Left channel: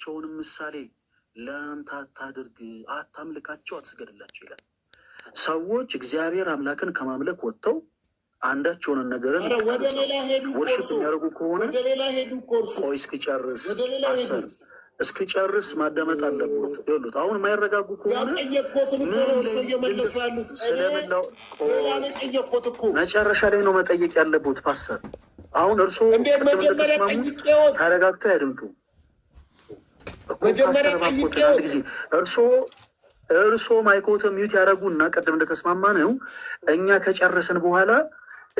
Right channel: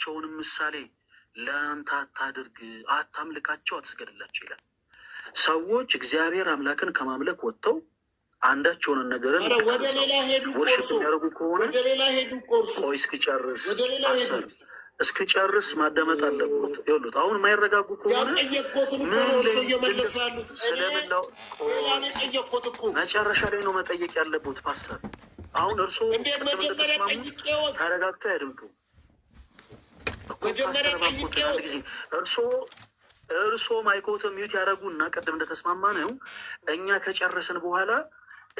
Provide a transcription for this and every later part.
ቸውንም ምሳሌ ለአንተ አታድርግ፣ አታምልካቸው፣ አትስገድላቸው ይላል። ሰዎች እግዚአብሔር አምላክን ከማምለክ ወጥተው አንዳቸውን ነገርን ወደ ሌላ ሄዱ ወርሽፕ የሚያደርጉ ከሆነ ወደ ሌላ ሄዱ ኮርሱ ቆይ እስክጨርስ ወደ ሌላ ሄዱ እስክጨርስ ማዳመጥ አለበት። ይኸውልህ አሁን የማይረጋጉ ከሆነ ያልጠየቅኩትን እኮ ነው እርሶ እየመለሱ ያሉት። ስለምናው ሌላ ነው የጠየቅኩት እኮ መጨረሻ ላይ ነው መጠየቅ ያለበት ፓስተር። አሁን እርሶ እንደ መጀመሪያ ጠይቄዎት ተረጋግተው ያድምጡ። መጀመሪያ ጠይቄዎት ጊዜ እርሶ ማይኮተ ሚዩት ያደረጉና ቀደም እንደተስማማ ነው እኛ ከጨረስን በኋላ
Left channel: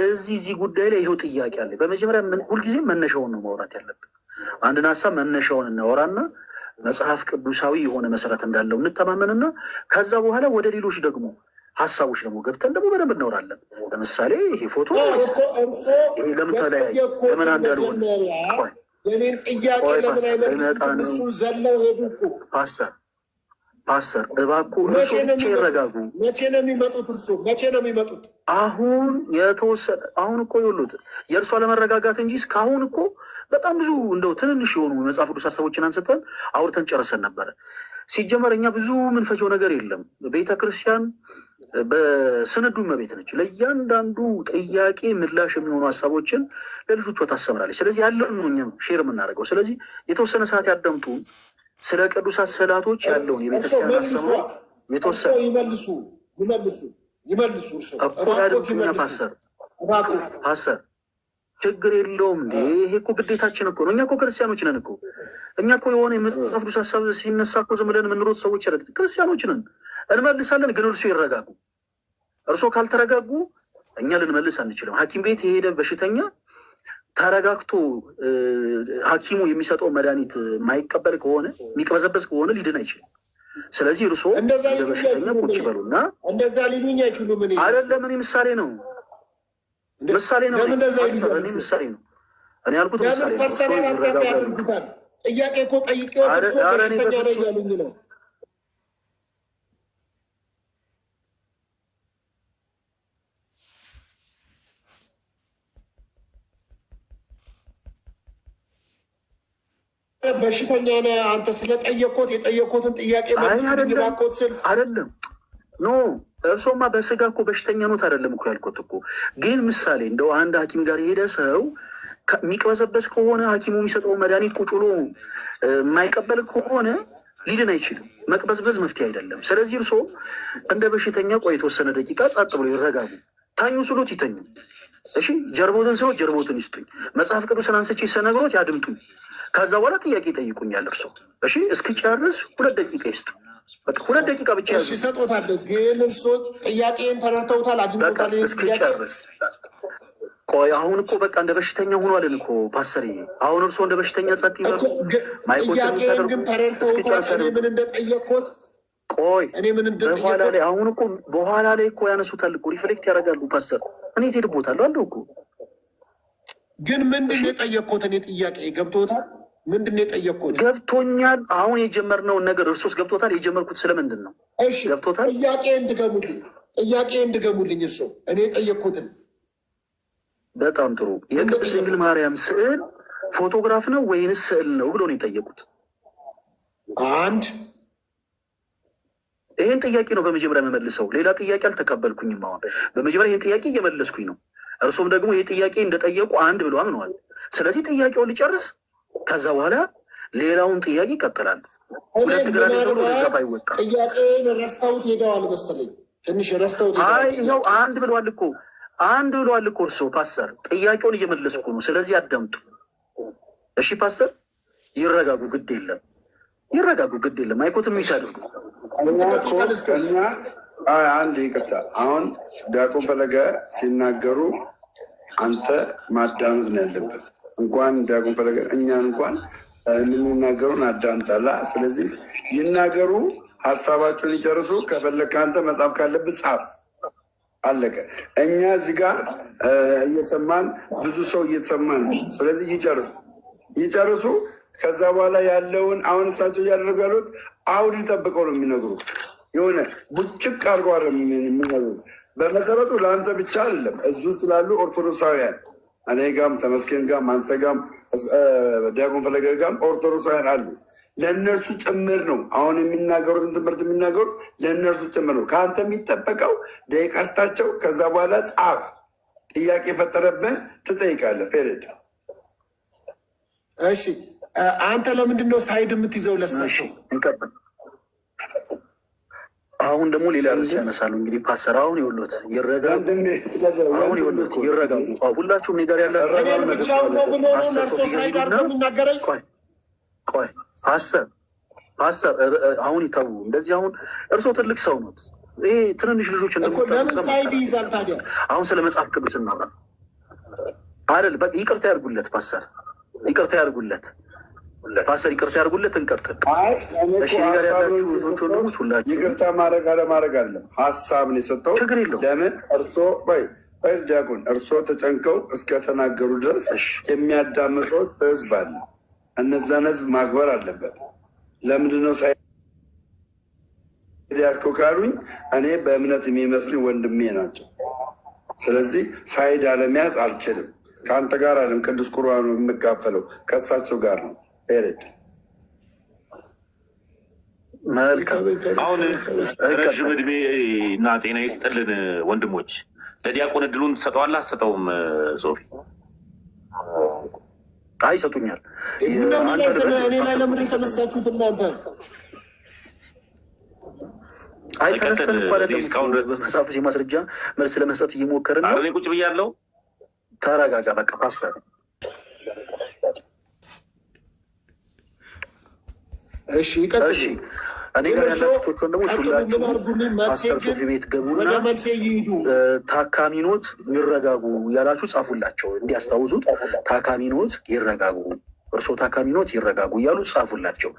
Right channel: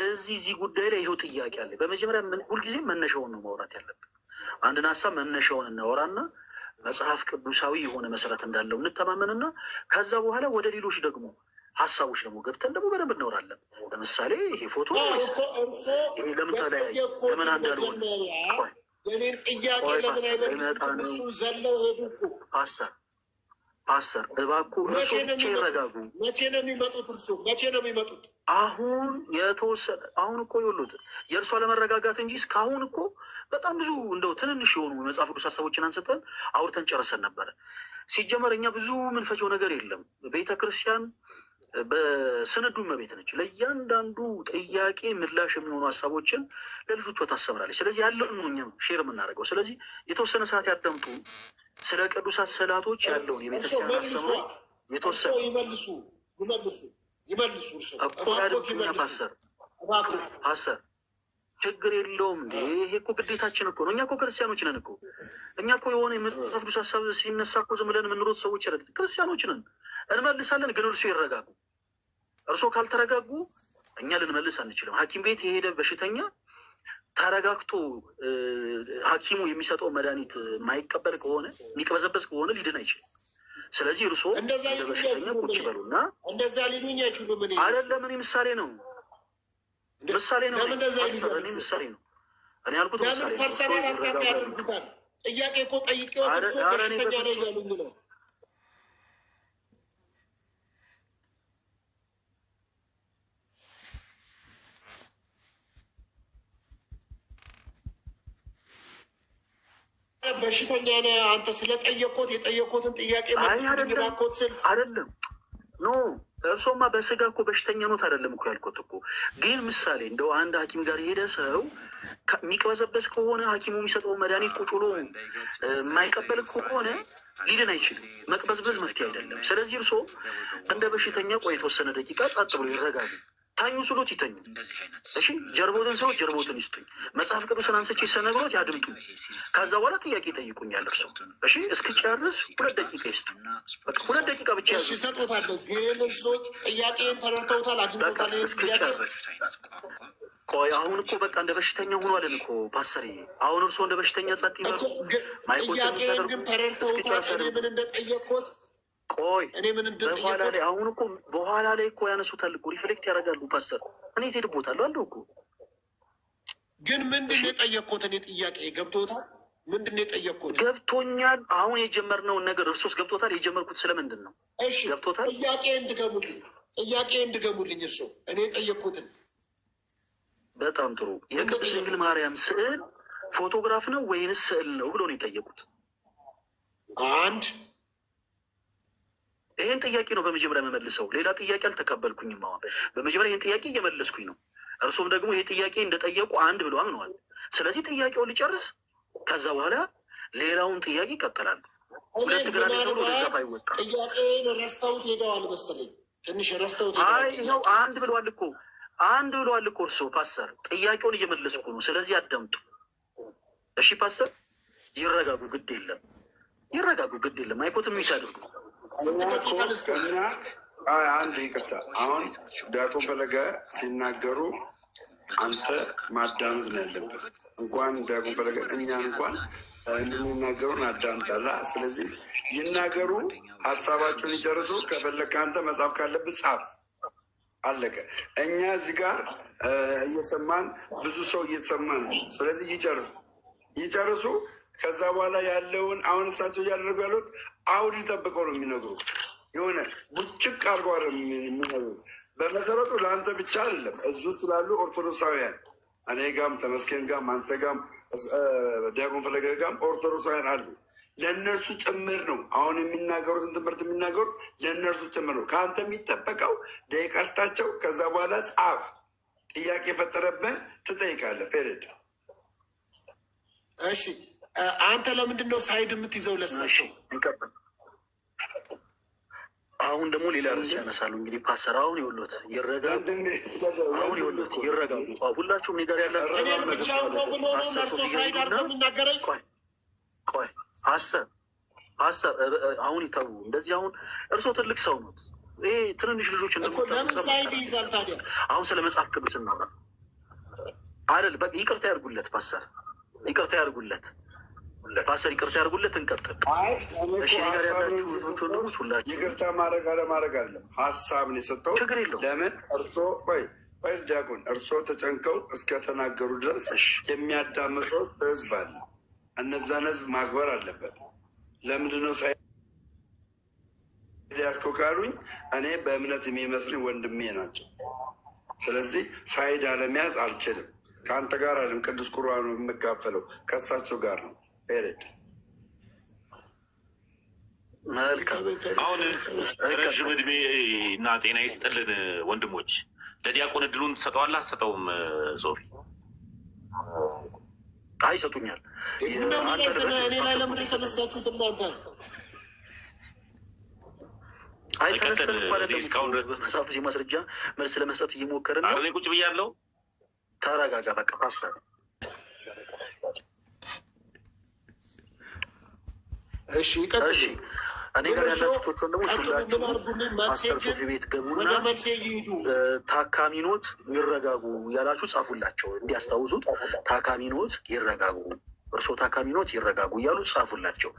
እዚህ ጉዳይ ላይ ይኸው ጥያቄ አለ። በመጀመሪያ ሁልጊዜም መነሻውን ነው ማውራት ያለብን። አንድን ሀሳብ መነሻውን እናወራና መጽሐፍ ቅዱሳዊ የሆነ መሰረት እንዳለው እንተማመንና ከዛ በኋላ ወደ ሌሎች ደግሞ ሀሳቦች ደግሞ ገብተን ደግሞ በደንብ እናወራለን። ለምሳሌ ይሄ ፎቶ ይሄ ለምን ተለያየ፣ ለምን አንዳልሆነ የኔን ጥያቄ ለምን አይመልሱትም? እሱ ዘለው ሄዱ እኮ ፓስተር እባክዎ እርሶ ብቻ ይረጋጉ። መቼ ነው የሚመጡት? እርሶ መቼ ነው የሚመጡት? አሁን የተወሰነ አሁን እኮ ይኸውልዎት የእርሶ አለመረጋጋት እንጂ እስካሁን እኮ በጣም ብዙ እንደው ትንንሽ የሆኑ የመጽሐፍ ቅዱስ ሀሳቦችን አንስተን አውርተን ጨርሰን ነበረ። ሲጀመር እኛ ብዙ ምንፈጀው ነገር የለም። ቤተ ክርስቲያን በስንዱ እመቤት ነች። ለእያንዳንዱ ጥያቄ ምላሽ የሚሆኑ ሀሳቦችን ለልጆቿ ታስተምራለች። ስለዚህ ያለውን ነው እኛም ሼር የምናደርገው። ስለዚህ የተወሰነ ሰዓት ያዳምጡ። ስለ ቅዱሳት ስዕላቶች ያለውን የቤተክርስቲያን አስተምሮ የተወሰነ ይመልሱ ፓስተር ችግር የለውም እንዴ። ይሄ እኮ ግዴታችን እኮ ነው። እኛ እኮ ክርስቲያኖች ነን እኮ። እኛ እኮ የሆነ የመጽሐፍ ቅዱስ ሀሳብ ሲነሳ እኮ ዝም ብለን የምንሮጥ ሰዎች ያለ ክርስቲያኖች ነን። እንመልሳለን፣ ግን እርሱ ይረጋጉ። እርሶ ካልተረጋጉ እኛ ልንመልስ አንችልም። ሐኪም ቤት የሄደ በሽተኛ ተረጋግቶ ሐኪሙ የሚሰጠው መድኃኒት የማይቀበል ከሆነ የሚቀበዘበዝ ከሆነ ሊድን አይችልም። ስለዚህ እርሶ በሽተኛ ቁጭ በሉና እንደዛ ሊሉኝ አይችሉም። አይደለም እኔ ምሳሌ ነው ምሳሌ ነው ምሳሌ ነው እኔ ያልኩት ምሳሌ ነው። ፐርሰናል አታክ ያደርጉታል። ጥያቄ እኮ ጠይቄዎት እርሶ በሽተኛ ነው እያሉኝ ነው። በሽተኛ ነህ አንተ ስለጠየቅኩት የጠየቅኩትን ጥያቄ መልስልኝ እባክዎት ስል አይደለም ኖ እርሶማ በስጋ እኮ በሽተኛ ኖት አይደለም እኮ ያልኩት እኮ። ግን ምሳሌ እንደው አንድ ሐኪም ጋር የሄደ ሰው የሚቀበዘበዝ ከሆነ ሐኪሙ የሚሰጠው መድኃኒት ቁጭ ብሎ የማይቀበል ከሆነ ሊድን አይችልም። መቅበዝበዝ መፍትሄ አይደለም። ስለዚህ እርሶ እንደ በሽተኛ ቆይ የተወሰነ ደቂቃ ጸጥ ብሎ ይረጋጉ። ታኙ ስሎት ይተኙ። እሺ ጀርቦትን ስሎት ጀርቦትን ይስጡኝ። መጽሐፍ ቅዱስን አንስቼ ሰነግሮት ያድምጡ። ከዛ በኋላ ጥያቄ ይጠይቁኛል እርሶ። እሺ እስክጨርስ 2 ደቂቃ ይስጡ። በቃ 2 ደቂቃ ብቻ ያዙ። ይሰጡታል። ግን እርሶ ጥያቄን ተረድተውታል፣ አግኝተውታል። እስክጨርስ ቆይ አሁን እኮ በቃ እንደ በሽተኛ ሆኗልን እኮ ፓስተር። አሁን እርሶ እንደ በሽተኛ ጸጥ ይበሉ። ጥያቄን ግን ተረድተውታል እኔ ምን እንደጠየቅኩት። ቆይ በኋላ ላይ አሁን እኮ በኋላ ላይ እኮ ያነሱታል እኮ ሪፍሌክት ያደርጋሉ ፓስተር። እኔ ትሄድቦታለሁ አለው እኮ። ግን ምንድን ነው የጠየቅኩት? እኔ ጥያቄ ገብቶታል? ምንድን ነው የጠየቅኩት? ገብቶኛል። አሁን የጀመርነውን ነገር እርሶስ ገብቶታል? የጀመርኩት ስለምንድን ነው? እሺ ገብቶታል? ጥያቄ እንድገሙልኝ እርሶ እኔ የጠየቅኩትን። በጣም ጥሩ። የቅድስት ድንግል ማርያም ስዕል ፎቶግራፍ ነው ወይንስ ስዕል ነው ብሎ ነው የጠየቁት። አንድ ይህን ጥያቄ ነው በመጀመሪያ የመመልሰው። ሌላ ጥያቄ አልተቀበልኩኝም። አሁን በመጀመሪያ ይህን ጥያቄ እየመለስኩኝ ነው። እርሶም ደግሞ ይህ ጥያቄ እንደጠየቁ አንድ ብሎ አምነዋል። ስለዚህ ጥያቄውን ሊጨርስ፣ ከዛ በኋላ ሌላውን ጥያቄ ይቀጥላል። ሁለት ግራ አይወጣ። ጥያቄን ረስተውት ሄደዋል መሰለኝ። ትንሽ ረስተውት ይኸው አንድ ብለዋል እኮ እርሶ ፓስተር። ጥያቄውን እየመለስኩ ነው። ስለዚህ አዳምጡ እሺ ፓስተር። ይረጋጉ፣ ግድ የለም ይረጋጉ፣ ግድ የለም። አይኮትም ይታደርጉ። አንድ ይቅርታ። አሁን ዲያቆን ፈለገ ሲናገሩ አንተ ማዳመጥ ነው ያለበት። እንኳን ዲያቆን ፈለገ እኛን እንኳን የምንናገሩን አዳምጣላ። ስለዚህ ይናገሩ፣ ሀሳባቸውን ይጨርሱ። ከፈለግ ከአንተ መጽሐፍ ካለብህ ጻፍ፣ አለቀ። እኛ እዚህ ጋር እየሰማን ብዙ ሰው እየተሰማን ነው። ስለዚህ ይጨርሱ። ከዛ በኋላ ያለውን አሁን እሳቸው እያደረጉ ያሉት አውድ ጠብቀው ነው የሚነግሩ። የሆነ ቡጭቅ አድርገው የሚነግሩ። በመሰረቱ ለአንተ ብቻ አይደለም፣ እዙ ስላሉ ኦርቶዶክሳውያን እኔ ጋም ተመስገን ጋም አንተ ጋም ዲያቆን ፈለገ ጋም ኦርቶዶክሳውያን አሉ። ለእነርሱ ጭምር ነው አሁን የሚናገሩትን ትምህርት የሚናገሩት ለእነርሱ ጭምር ነው። ከአንተ የሚጠበቀው ደቂቃ ስጣቸው። ከዛ በኋላ ጻፍ። ጥያቄ የፈጠረብን ትጠይቃለህ። ፔሬድ። እሺ አንተ ለምንድን ነው ሳይድ የምትይዘው? ለሳቸው አሁን ደግሞ ሌላ ርዕስ ያነሳሉ። እንግዲህ ፓስተር አሁን ይኸውልዎት ይረጋሉ። አሁን ይኸውልዎት ይረጋሉ። ሁላችሁም እኔ ጋር ያላችሁ ብቻውን ነው ብሎ ነው ለእርሶ ሳይድ አድርገው የሚናገረኝ። ቆይ ፓስተር አሁን ይተዉ እንደዚህ። አሁን እርሶ ትልቅ ሰው ነው። ይሄ ትንንሽ ልጆች ለምን ሳይድ ይይዛል ታዲያ? አሁን ስለ መጽሐፍ ቅዱስ እናውራ አይደል? በቃ ይቅርታ ያድርጉለት ፓስተር፣ ይቅርታ ያድርጉለት ፓስተር፣ ይቅርታ ያድርጉለት። እንቀጥል። እሺ ጋር ያላችሁ ወንድሞች ሁላችሁ ይቅርታ ማድረግ አለማድረግ አለም ሀሳብን የሰጠው ለምን እርሶ ወይ ዲያቆን እርሶ ተጨንቀው እስከተናገሩ ድረስ የሚያዳምጠው ህዝብ አለ። እነዛን ህዝብ ማክበር አለበት። ለምንድነው ሳይድ ያዝከው ካሉኝ እኔ በእምነት የሚመስሉኝ ወንድሜ ናቸው። ስለዚህ ሳይድ አለመያዝ አልችልም። ከአንተ ጋር አለም ቅዱስ ቁርባኑ የምካፈለው ከእሳቸው ጋር ነው። ፔሬድ። አሁን ረዥም እድሜ እና ጤና ይስጥልን ወንድሞች። ለዲያቆን እድሉን ትሰጠዋለህ አትሰጠውም? ሶፊ ይሰጡኛል። እኔ ላይ ለምን የተነሳችሁት እናንተ? ተነስተን እስካሁን ድረስ በመጽሐፍ ማስረጃ መልስ ለመስጠት እየሞከርን ነው። እኔ ቁጭ ብያለሁ። ተረጋጋ በቃ ፓስተር። እሺ ይቀጥል። እኔ ጋር ያላችሁ ወንድሞች ሁላችሁ ፓስተር ሶፊ ቤት ገቡና ታካሚ ኖት ይረጋጉ እያላችሁ ጻፉላቸው፣ እንዲያስታውሱት። ታካሚ ኖት ይረጋጉ፣ እርስዎ ታካሚ ኖት ይረጋጉ እያሉ ጻፉላቸው።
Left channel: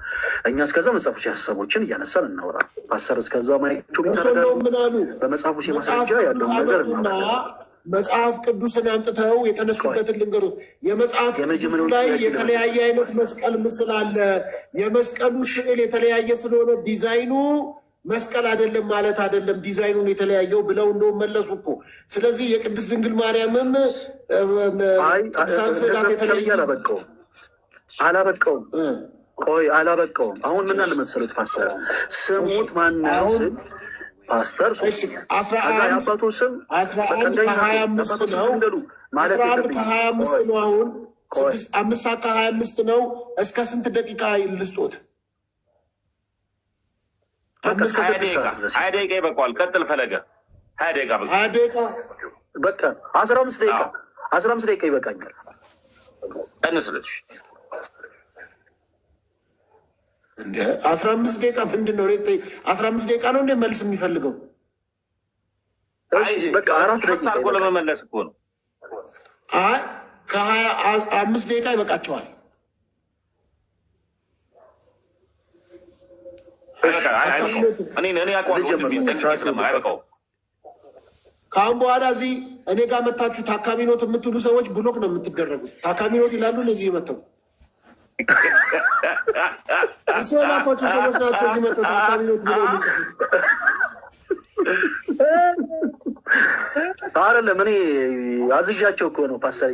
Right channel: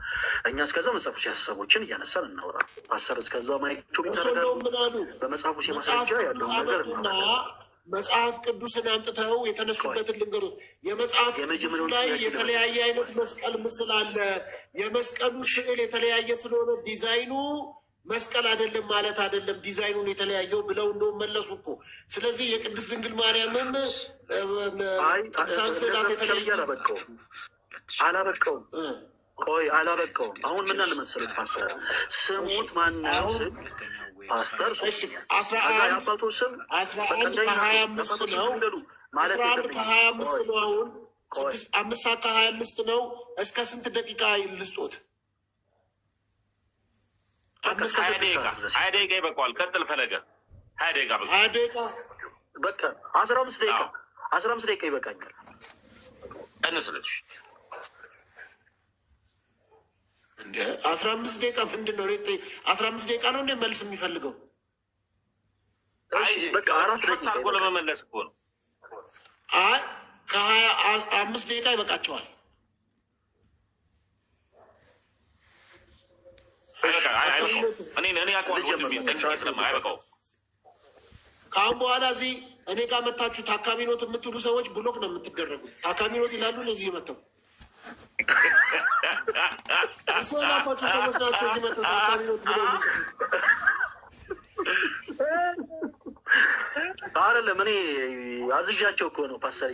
እኛ እስከዛ መጽሐፉ ሲያሰቦችን እያነሳን እናውራ። ፓስተር እስከዛ ማይቸው ይተረጋሉ። በመጽሐፉ ሲማስረጃ ያለውን ነገር እናውራ። መጽሐፍ ቅዱስን አምጥተው የተነሱበትን ልንገሩት። የመጽሐፍ ቅዱስ ላይ የተለያየ አይነት መስቀል ምስል አለ። የመስቀሉ ስዕል የተለያየ ስለሆነ ዲዛይኑ መስቀል አይደለም ማለት አይደለም፣ ዲዛይኑን የተለያየው ብለው እንደውም መለሱ እኮ። ስለዚህ የቅድስት ድንግል ማርያምም ስዕላት የተለያየ አላበቀውም። ቆይ አላበቀውም። አሁን ምን አለ መሰለህ ፓስተር ስሙት ማነው ስል ፓስተር አባቶ ስም 11:25 ነው ማለት 11:25 ነው። አሁን 5:25 ነው። እስከ ስንት ደቂቃ ልስጦት? 20 ደቂቃ ይበቃዋል። ቀጥል ፈለገ። 20 ደቂቃ በቃ 20 ደቂቃ በቃ 15 ደቂቃ ይበቃኛል። ቀንስልሽ እንደ 15 ደቂቃ ምንድን ነው? 15 ደቂቃ ነው እንደ መልስ የሚፈልገው? በቃ 4 ደቂቃ አድርጎ ለመመለስ እኮ ነው። አይ ከ25 ደቂቃ ይበቃቸዋል። ከአሁን በኋላ እዚህ እኔ ጋር መታችሁ ታካሚ ኖት የምትሉ ሰዎች ብሎክ ነው የምትደረጉት። ታካሚ ኖት ይላሉ እነዚህ መተው እሱ ላኳቸው ሰዎች ናቸው እዚህ መተው ታካሚ ኖት ብለው የሚጽፉት። አይደለም እኔ አዝዣቸው እኮ ነው ፓስተር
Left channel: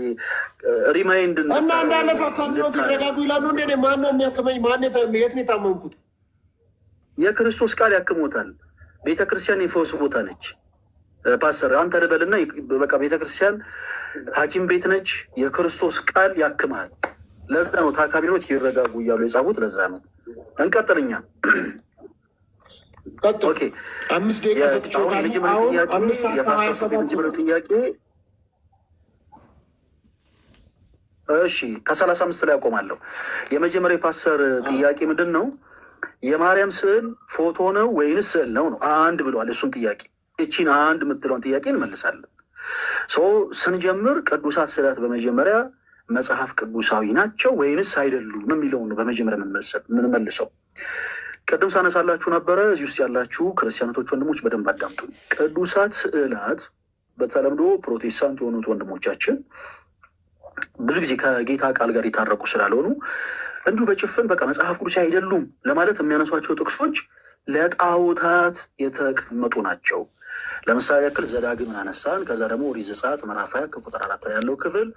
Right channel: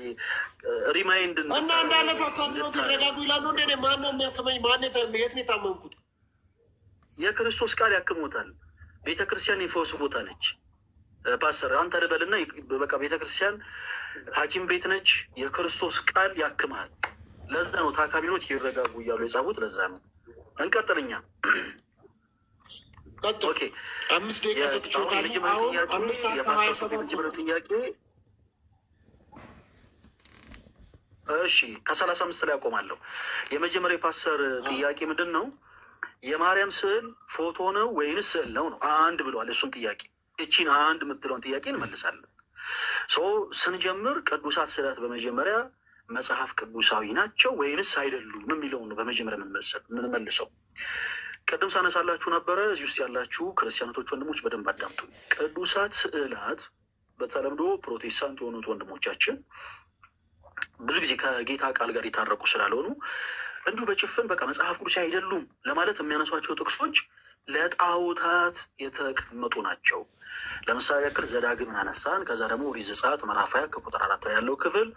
ሪማይንድ እና እንዳለ ታካሚ ኖት ይረጋጉ ይላሉ። እንደ ማን ነው የሚያክመኝ? ማን የት ነው የታመምኩት? የክርስቶስ ቃል ያክሞታል። ቤተክርስቲያን የፈውስ ቦታ ነች ፓስተር። አንተ ልበልና በቃ ቤተክርስቲያን ሐኪም ቤት ነች። የክርስቶስ ቃል ያክማል። ለዛ ነው ታካሚኖት ይረጋጉ እያሉ የጻፉት። ለዛ ነው። እንቀጥልኛ። ኦኬ 5 ደቂቃ ሰጥቼዋለሁ። አሁን 5:27 ጥያቄ እሺ፣ ከ35 ላይ አቆማለሁ። የመጀመሪያው ፓስተር ጥያቄ ምንድን ነው? የማርያም ስዕል ፎቶ ነው ወይንስ ስዕል ነው? አንድ ብለዋል። እሱን ጥያቄ እቺን አንድ የምትለውን ጥያቄ እንመልሳለን። ስንጀምር ቅዱሳት ስዕላት በመጀመሪያ መጽሐፍ ቅዱሳዊ ናቸው ወይንስ አይደሉም የሚለውን ነው በመጀመሪያ የምንመልሰው። ቅድም ሳነሳላችሁ ነበረ። እዚህ ውስጥ ያላችሁ ክርስቲያኖቶች ወንድሞች በደንብ አዳምጡ። ቅዱሳት ስዕላት በተለምዶ ፕሮቴስታንት የሆኑት ወንድሞቻችን ብዙ ጊዜ ከጌታ ቃል ጋር የታረቁ ስላልሆኑ እንዲሁ በጭፍን በቃ መጽሐፍ ቅዱስ አይደሉም ለማለት የሚያነሷቸው ጥቅሶች ለጣዖታት የተቀመጡ ናቸው። ለምሳሌ ያክል ዘዳግምን አነሳን። ከዛ ደግሞ ኦሪት ዘጸአት ምዕራፍ 20 ከቁጥር 4 ላይ ያለው ክፍል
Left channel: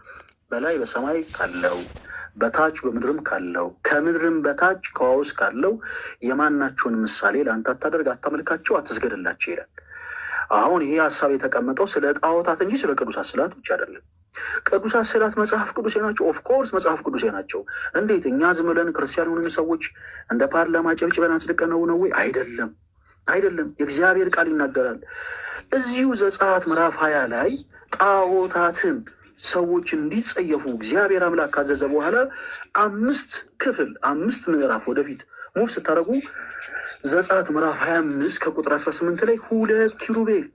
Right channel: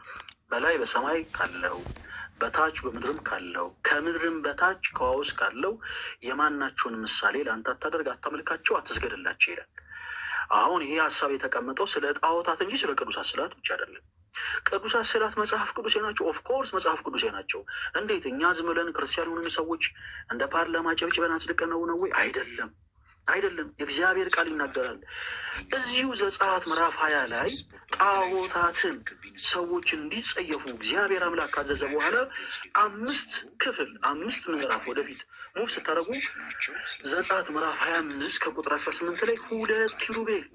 በላይ በሰማይ ካለው በታች በምድርም ካለው ከምድርም በታች ከውሃ ውስጥ ካለው የማናቸውን ምሳሌ ለአንተ አታደርግ፣ አታመልካቸው፣ አትስገድላቸው ይላል። አሁን ይሄ ሀሳብ የተቀመጠው ስለ ጣዖታት እንጂ ስለ ቅዱሳት ስዕላት ብቻ አይደለም። ቅዱሳት ስዕላት መጽሐፍ ቅዱሴ ናቸው። ኦፍኮርስ መጽሐፍ ቅዱሴ ናቸው። እንዴት እኛ ዝም ብለን ክርስቲያን የሆኑ ሰዎች እንደ ፓርላማ ጨብጭበን አጽድቀነው ነው ወይ? አይደለም፣ አይደለም። የእግዚአብሔር ቃል ይናገራል። እዚሁ ዘጸአት ምዕራፍ 20 ላይ ጣዖታትን ሰዎች እንዲጸየፉ እግዚአብሔር አምላክ ካዘዘ በኋላ 5 ምዕራፍ ወደፊት ሙቭ ስታደርጉ ዘጸአት ምዕራፍ 25 ከቁጥር 18 ላይ 2 ኪሩቤል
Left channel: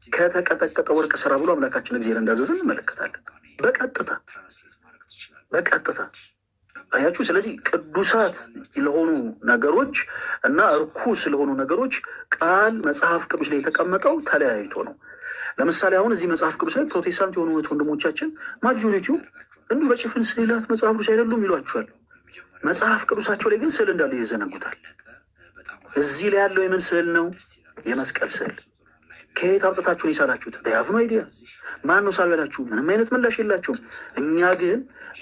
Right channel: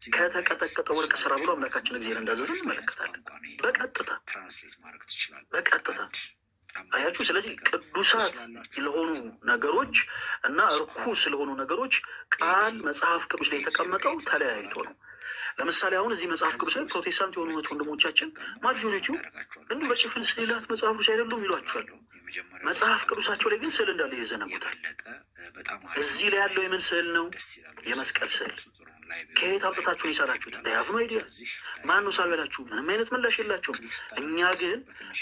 ከተቀጠቀጠ ወርቅ ስራ ብሎ አምላካችን እግዚአብሔር እንዳዘዘ እንመለከታለን። በቀጥታ አያችሁ። ስለዚህ ቅዱሳት ለሆኑ ነገሮች እና እርኩስ ለሆኑ ነገሮች ቃል መጽሐፍ ቅዱስ ላይ የተቀመጠው ተለያይቶ ነው። ለምሳሌ አሁን እዚህ መጽሐፍ ቅዱስ ላይ ፕሮቴስታንት የሆኑ ወንድሞቻችን ማጆሪቲው እንዲሁ በጭፍን ስዕላት መጽሐፍ ቅዱስ አይደሉም ይሏቸዋል። መጽሐፍ ቅዱሳቸው ላይ ግን ስዕል እንዳለ ይዘነጉታል። እዚህ ላይ ያለው የምን ስዕል ነው? የመስቀል ስዕል። ከየት አምጥታችሁን የሳላችሁት? ያፍኖ አይዲያ ማን ነው ሳሉ ያላችሁ? ምንም አይነት ምላሽ የላቸውም። እኛ ግን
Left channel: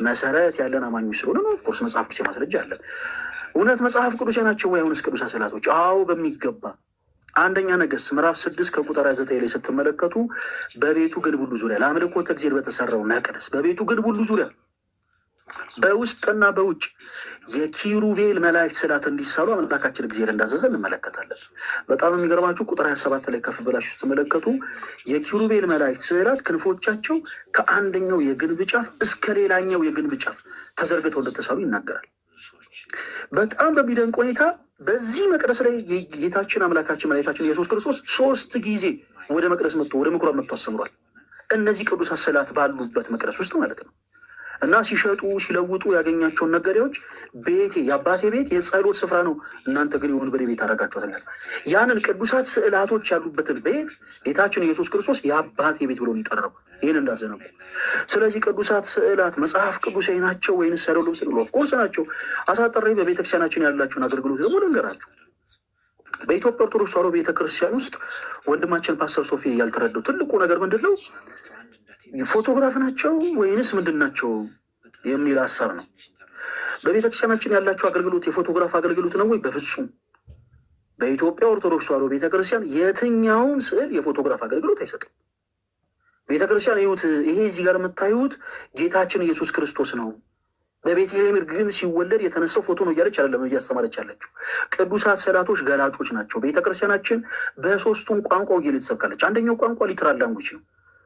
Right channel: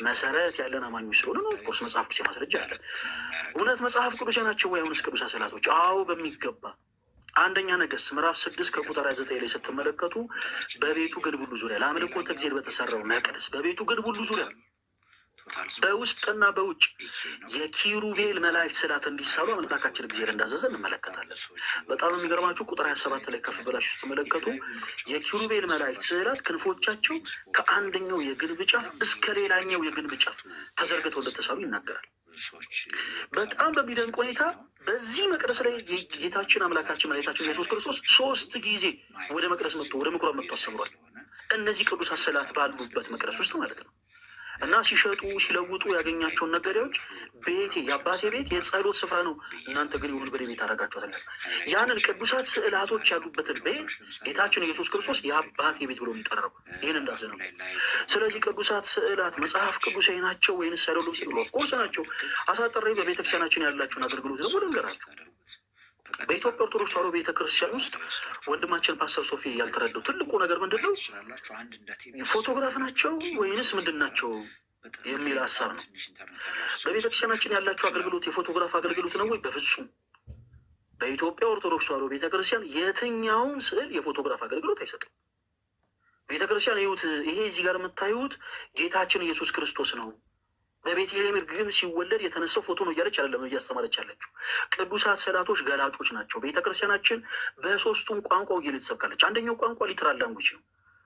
መሰረት ያለን አማኞች ስለሆነ ነው። ኦፍኮርስ መጽሐፍ ቅዱስ ማስረጃ አለን። እውነት መጽሐፍ ቅዱስ ናቸው ወይ? አሁንስ ቅዱሳት ስዕላቶች? አዎ በሚገባ። አንደኛ ነገሥት ምዕራፍ 6 ከቁጥር 9 ላይ ስትመለከቱ በቤቱ ግንብ ሁሉ ዙሪያ ለአምልኮተ እግዚአብሔር በተሰራው መቅደስ በቤቱ ግንብ ሁሉ ዙሪያ በውስጥና በውጭ የኪሩቤል መላእክት ስዕላት እንዲሳሉ አምላካችን እግዚአብሔር እንዳዘዘ እንመለከታለን። በጣም የሚገርማችሁ ቁጥር 27 ላይ ከፍ ብላችሁ ስትመለከቱ የኪሩቤል መላእክት ስዕላት ክንፎቻቸው ከአንደኛው የግንብ ጫፍ እስከ ሌላኛው የግንብ ጫፍ ተዘርግተው እንደተሳሉ ይናገራል። በጣም በሚደንቅ ሁኔታ በዚህ መቅደስ ላይ ጌታችን አምላካችን መድኃኒታችን ኢየሱስ ክርስቶስ 3 ጊዜ ወደ መቅደስ መጥቶ ወደ ምኩራብ መጥቶ አስተምሯል። እነዚህ ቅዱሳት ስዕላት ባሉበት መቅደስ ውስጥ ማለት ነው። እና ሲሸጡ ሲለውጡ ያገኛቸውን ነጋዴዎች ቤቴ የአባቴ ቤት የጸሎት ስፍራ ነው፣ እናንተ ግን የወንበዴ ቤት አደረጋችኋል። ያንን ቅዱሳት ስዕላቶች ያሉበትን ቤት ጌታችን ኢየሱስ ክርስቶስ የአባቴ ቤት ብሎ የሚጠራው ይህን እንዳዘነው። ስለዚህ ቅዱሳት ስዕላት መጽሐፍ ቅዱሳዊ ናቸው ወይንስ አይደሉም ሲሉ ኦፍኮርስ ናቸው። አሳጥሬ በቤተክርስቲያናችን ያላቸውን አገልግሎት ደግሞ ልንገራችሁ። በኢትዮጵያ ኦርቶዶክስ ተዋሕዶ ቤተክርስቲያን ውስጥ ወንድማችን ፓስተር ሶፊ ያልተረዳው ትልቁ ነገር ምንድን ነው? ፎቶግራፍ ናቸው ወይንስ ምንድን ናቸው የሚል ሀሳብ ነው። በቤተክርስቲያናችን ያላቸው አገልግሎት የፎቶግራፍ አገልግሎት ነው ወይ? በፍጹም። በኢትዮጵያ ኦርቶዶክስ ተዋሕዶ ቤተክርስቲያን የትኛውም ስዕል የፎቶግራፍ አገልግሎት አይሰጥም። ቤተክርስቲያን ይሁት ይሄ እዚህ ጋር የምታዩት ጌታችን ኢየሱስ ክርስቶስ ነው፣ በቤተልሔም እርግብ ሲወለድ የተነሳው ፎቶ ነው እያለች አይደለም እያስተማረች ያለችው። ቅዱሳት ስዕላቶች ገላጮች ናቸው። ቤተክርስቲያናችን በ3ቱም ቋንቋ ወንጌል ትሰብካለች። አንደኛው ቋንቋ ሊትራል ላንጉጅ ነው።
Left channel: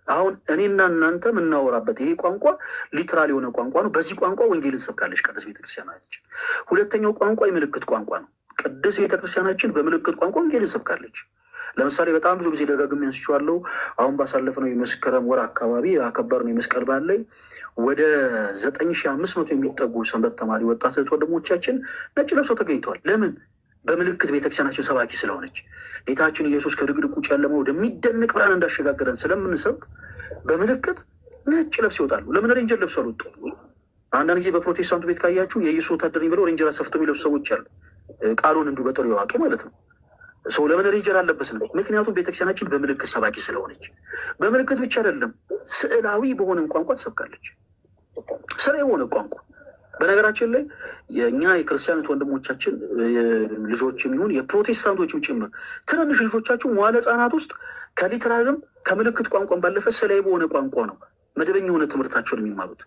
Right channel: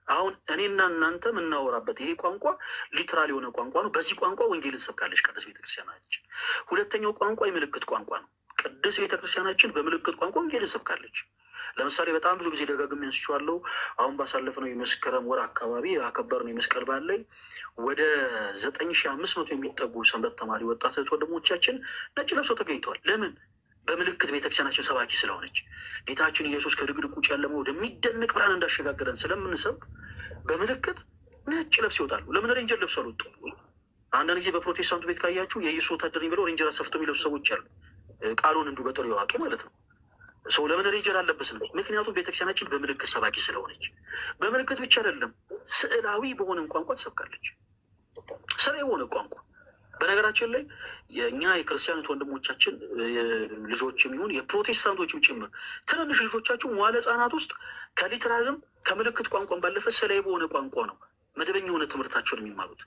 አሁን እኔና እናንተ የምናወራበት ይሄ ቋንቋ ሊትራል የሆነ ቋንቋ ነው። በዚህ ቋንቋ ወንጌል ትሰብካለች ቅድስት ቤተክርስቲያናችን። ሁለተኛው ቋንቋ የምልክት ቋንቋ ነው። ቅድስት ቤተክርስቲያናችን በምልክት ቋንቋ ወንጌል ትሰብካለች። ለምሳሌ በጣም ብዙ ጊዜ ደጋግሜ አንስቼዋለሁ። አሁን ባሳለፍነው የመስከረም ወር አካባቢ ያከበርነው የመስቀል በዓል ላይ ወደ 9500 የሚጠጉ ሰንበት ተማሪ ወጣት እህት ወንድሞቻችን ነጭ ለብሰው ተገኝተዋል። ለምን? በምልክት ቤተክርስቲያናችን ሰባኪ ስለሆነች ጌታችን ኢየሱስ ከድቅድቁ ጨለማ ወደሚደንቅ ብርሃን እንዳሸጋገረን ስለምንሰብክ በምልክት ነጭ ለብስ ይወጣሉ። ለምን ሬንጀር ለብሰው አልወጡ? አንዳንድ ጊዜ በፕሮቴስታንቱ ቤት ካያችሁ የኢየሱስ ወታደር ብለው ሬንጀር አሰፍተው የሚለብሱ ሰዎች አሉ። ቃሉን እንዲሁ በጥሩ የዋጡ ማለት ነው። ሰው ለምን ሬንጀር አለበስም? ምክንያቱም ቤተክርስቲያናችን በምልክት ሰባኪ ስለሆነች። በምልክት ብቻ አይደለም፣ ስዕላዊ በሆነም ቋንቋ ትሰብካለች። ስራ የሆነ ቋንቋ በነገራችን ላይ የእኛ የክርስቲያኖች ወንድሞቻችን ልጆችም ይሁን የፕሮቴስታንቶችም ጭምር ትንንሽ ልጆቻችሁ መዋለ ሕጻናት ውስጥ ከሊትራልም ከምልክት ቋንቋን ባለፈ ስዕላዊ በሆነ ቋንቋ ነው መደበኛ የሆነ ትምህርታቸውን የሚማሩት።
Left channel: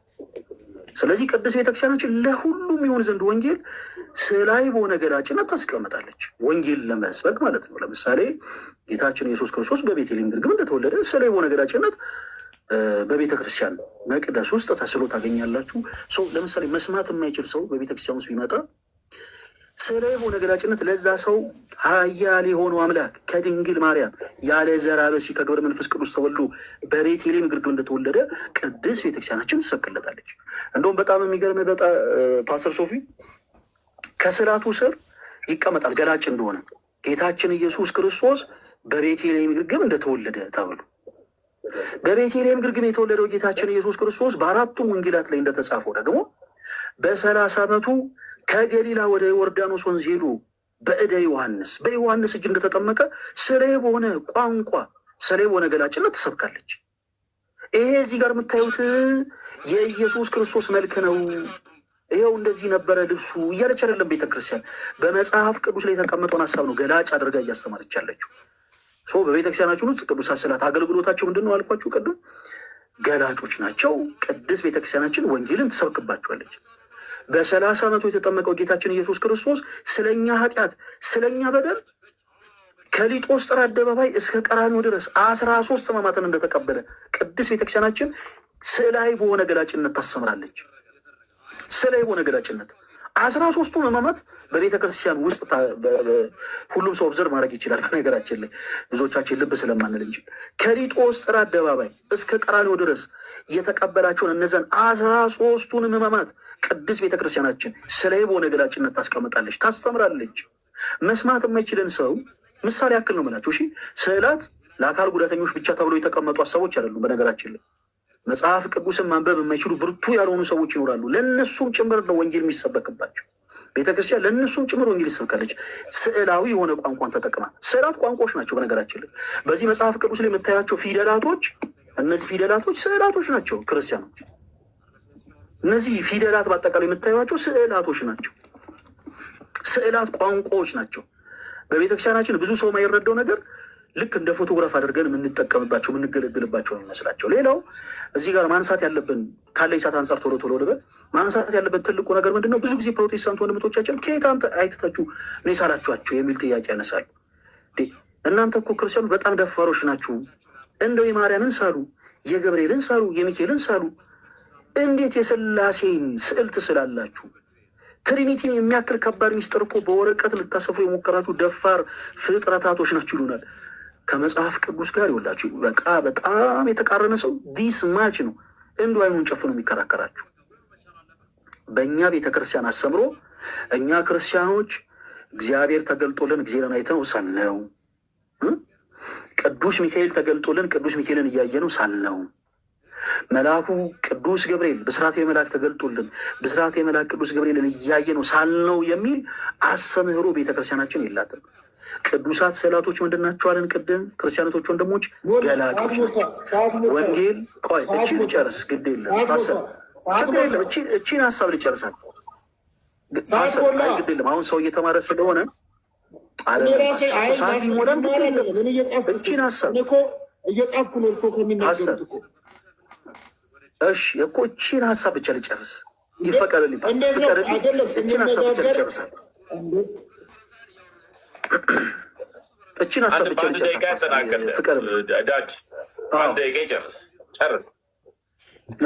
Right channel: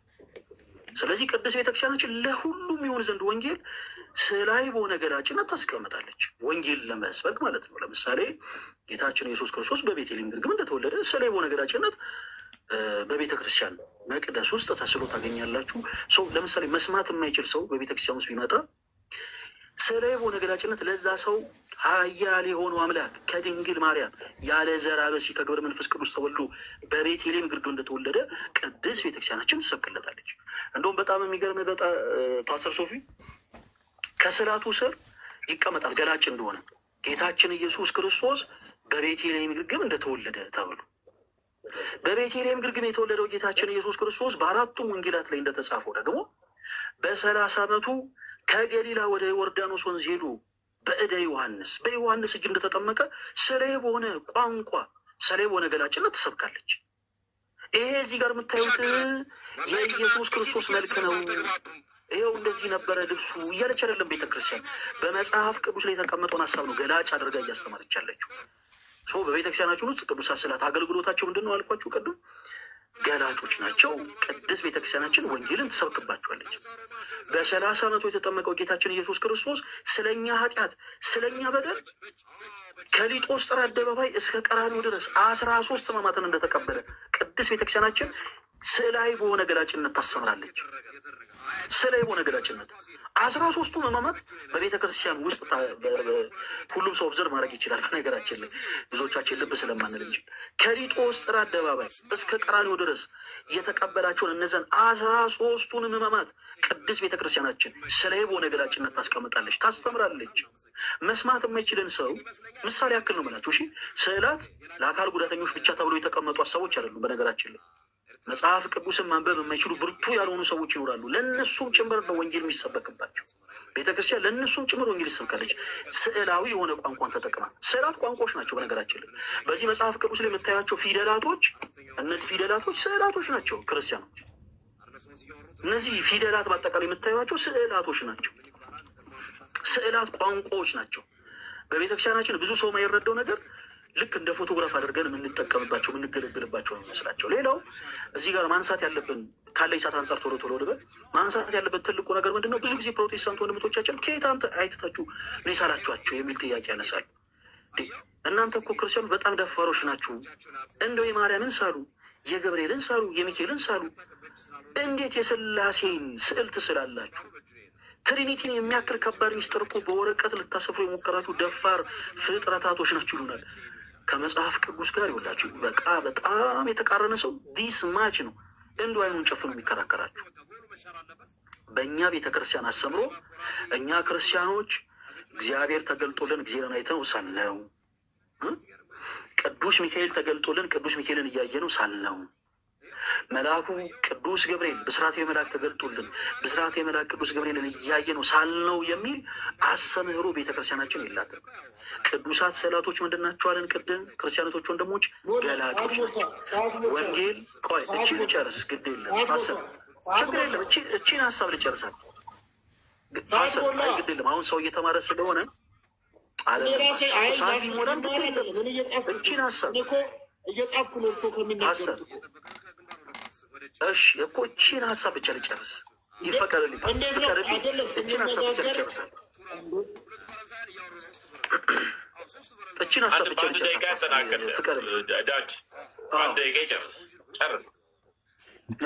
ስለዚህ ቅድስት ቤተክርስቲያናችን ለሁሉም ይሆን ዘንድ ወንጌል ስዕላዊ በሆነ ገላጭነት ታስቀምጣለች። ወንጌል ለመስበክ ማለት ነው። ለምሳሌ ጌታችን ኢየሱስ ክርስቶስ በቤተልሔም ግርግም እንደተወለደ ስዕላዊ በሆነ ገላጭነት በቤተ ክርስቲያን መቅደስ ውስጥ ተስሎ ታገኛላችሁ። ሰው ለምሳሌ መስማት የማይችል ሰው በቤተክርስቲያን ውስጥ ቢመጣ ስዕላዊ በሆነ ገላጭነት ለዛ ሰው ኃያል የሆነው አምላክ ከድንግል ማርያም ያለ ዘር ብእሲ ከግብረ መንፈስ ቅዱስ ተወልዶ በቤተልሔም ግርግም እንደተወለደ ቅድስት ቤተክርስቲያናችን ትሰቅለታለች። እንደውም በጣም የሚገርም ፓስተር ሶፊ ከስዕላቱ ስር ይቀመጣል ገላጭ እንደሆነ ጌታችን ኢየሱስ ክርስቶስ በቤተልሔም ግርግም እንደተወለደ ተብሎ። በቤተልሔም ግርግም የተወለደው ጌታችን ኢየሱስ ክርስቶስ በ4ቱም ወንጌላት ላይ እንደተጻፈው ደግሞ በ30 ዓመቱ ከገሊላ ወደ ዮርዳኖስ ወንዝ ሄዱ በዮሐንስ እጅ እንደተጠመቀ ስለ በሆነ ቋንቋ ስለ በሆነ ገላጭነት ትሰብካለች። ይሄ እዚህ ጋር የምታዩት የኢየሱስ ክርስቶስ መልክ ነው፣ ይኸው እንደዚህ ነበረ ልብሱ እያለች አይደለም ቤተክርስቲያን። በመጽሐፍ ቅዱስ ላይ የተቀመጠውን ሀሳብ ነው ገላጭ አድርጋ እያስተማረች ያለችው። በቤተክርስቲያናችን ውስጥ ቅዱሳት ስዕላት አገልግሎታቸው ምንድን ነው አልኳችሁ ቅድም? ገላጮች ናቸው። ቅድስት ቤተክርስቲያናችን ወንጌልን ትሰብክባቸዋለች። በ30 ዓመቱ የተጠመቀው ጌታችን ኢየሱስ ክርስቶስ ስለኛ ኃጢአት ስለኛ በደል ከሊጦስጥራ አደባባይ እስከ ቀራንዮ ድረስ 13 ሕማማትን እንደተቀበለ ቅድስት ቤተክርስቲያናችን ስዕላዊ በሆነ ገላጭነት ታስተምራለች። ስዕላዊ በሆነ ገላጭነት 13ቱ ሕማማት በቤተ ክርስቲያን ውስጥ ሁሉም ሰው ኦብዘርቭ ማድረግ ይችላል። በነገራችን ላይ ብዙዎቻችን ልብ ስለማንል እንጂ ከሊጦስጥራ አደባባይ እስከ ቀራንዮ ድረስ የተቀበላቸውን እነዚያን 13ቱን ሕማማት ቅድስት ቤተ ክርስቲያናችን ስዕላዊ በሆነ ገላጭነት ታስቀምጣለች፣ ታስተምራለች። መስማት የማይችልን ሰው ምሳሌ ያክል ነው የምላቸው። እሺ ስዕላት ለአካል ጉዳተኞች ብቻ ተብሎ የተቀመጡ ሀሳቦች አይደሉም። በነገራችን ላይ መጽሐፍ ቅዱስን ማንበብ የማይችሉ ብርቱ ያልሆኑ ሰዎች ይኖራሉ። ለእነሱም ጭምር ነው ወንጌል የሚሰበክባቸው። ቤተክርስቲያን ለእነሱም ጭምር ወንጌል ይሰብካለች። ስዕላዊ የሆነ ቋንቋን ተጠቅማ። ስዕላት ቋንቋዎች ናቸው። በነገራችን ላይ በዚህ መጽሐፍ ቅዱስ ላይ የምታያቸው ፊደላቶች፣ እነዚህ ፊደላቶች ስዕላቶች ናቸው። ክርስቲያኖች እነዚህ ፊደላት በአጠቃላይ የምታዩቸው ስዕላቶች ናቸው። ስዕላት ቋንቋዎች ናቸው። በቤተክርስቲያናችን ብዙ ሰው የማይረዳው ነገር ልክ እንደ ፎቶግራፍ አድርገን የምንጠቀምባቸው የምንገለግልባቸው ነው የሚመስላቸው። ሌላው እዚህ ጋር ማንሳት ያለብን ካለ ይሳት አንጻር ቶሎ ልበል፣ ማንሳት ያለብን ትልቁ ነገር ምንድን ነው? ብዙ ጊዜ ፕሮቴስታንት ወንድሞቻችን ከየት አይተታችሁ ነው የሳላችኋቸው የሚል ጥያቄ ያነሳሉ። እናንተ እኮ ክርስቲያኑ በጣም ደፋሮች ናችሁ። እንደው የማርያምን ሳሉ፣ የገብርኤልን ሳሉ፣ የሚካኤልን ሳሉ፣ እንዴት የሥላሴን ስዕል ትስላላችሁ? ትሪኒቲን የሚያክል ከባድ ሚስጥር እኮ በወረቀት ልታሰፍሩ የሞከራችሁ ደፋር ፍጥረታቶች ናችሁ ይሉናል። ከመጽሐፍ ቅዱስ ጋር ይወላችሁ በቃ በጣም የተቃረነ ሰው ዲስ ማች ነው እንዱ አይኑን ጨፍኖ የሚከራከራችሁ። በእኛ ቤተክርስቲያን አስተምሮ እኛ ክርስቲያኖች እግዚአብሔር ተገልጦልን እግዚአብሔርን አይተነው ሳልነው፣ ቅዱስ ሚካኤል ተገልጦልን ቅዱስ ሚካኤልን እያየነው ሳልነው፣ መልአኩ ቅዱስ ገብርኤል ብስራተ መልአክ ተገልጦልን ብስራተ መልአክ ቅዱስ ገብርኤልን እያየነው ሳልነው የሚል አስተምህሮ ቤተክርስቲያናችን የላትም። ቅዱሳት ስዕላቶች ምንድን ናቸው አለን ቅድም? ክርስቲያኖቶች ወንድሞች ገላጮች ናቸው። ወንጌል ቆይ እቺን ልጨርስ፣ ግድ የለም ሀሳብ ችግር የለም። እቺን ሀሳብ ልጨርሳል፣ ግድ የለም። አሁን ሰው እየተማረ ስለሆነ እቺን ሀሳብ እየጻፍኩ ነው እርሶ ከሚናገሩት እኮ። እሺ እኮ እቺን ሀሳብ ብቻ ልጨርስ ይፈቀድልኝ። እቺን ሀሳብ ብቻ ልጨርሳል። እቺን ሀሳብ ብቻ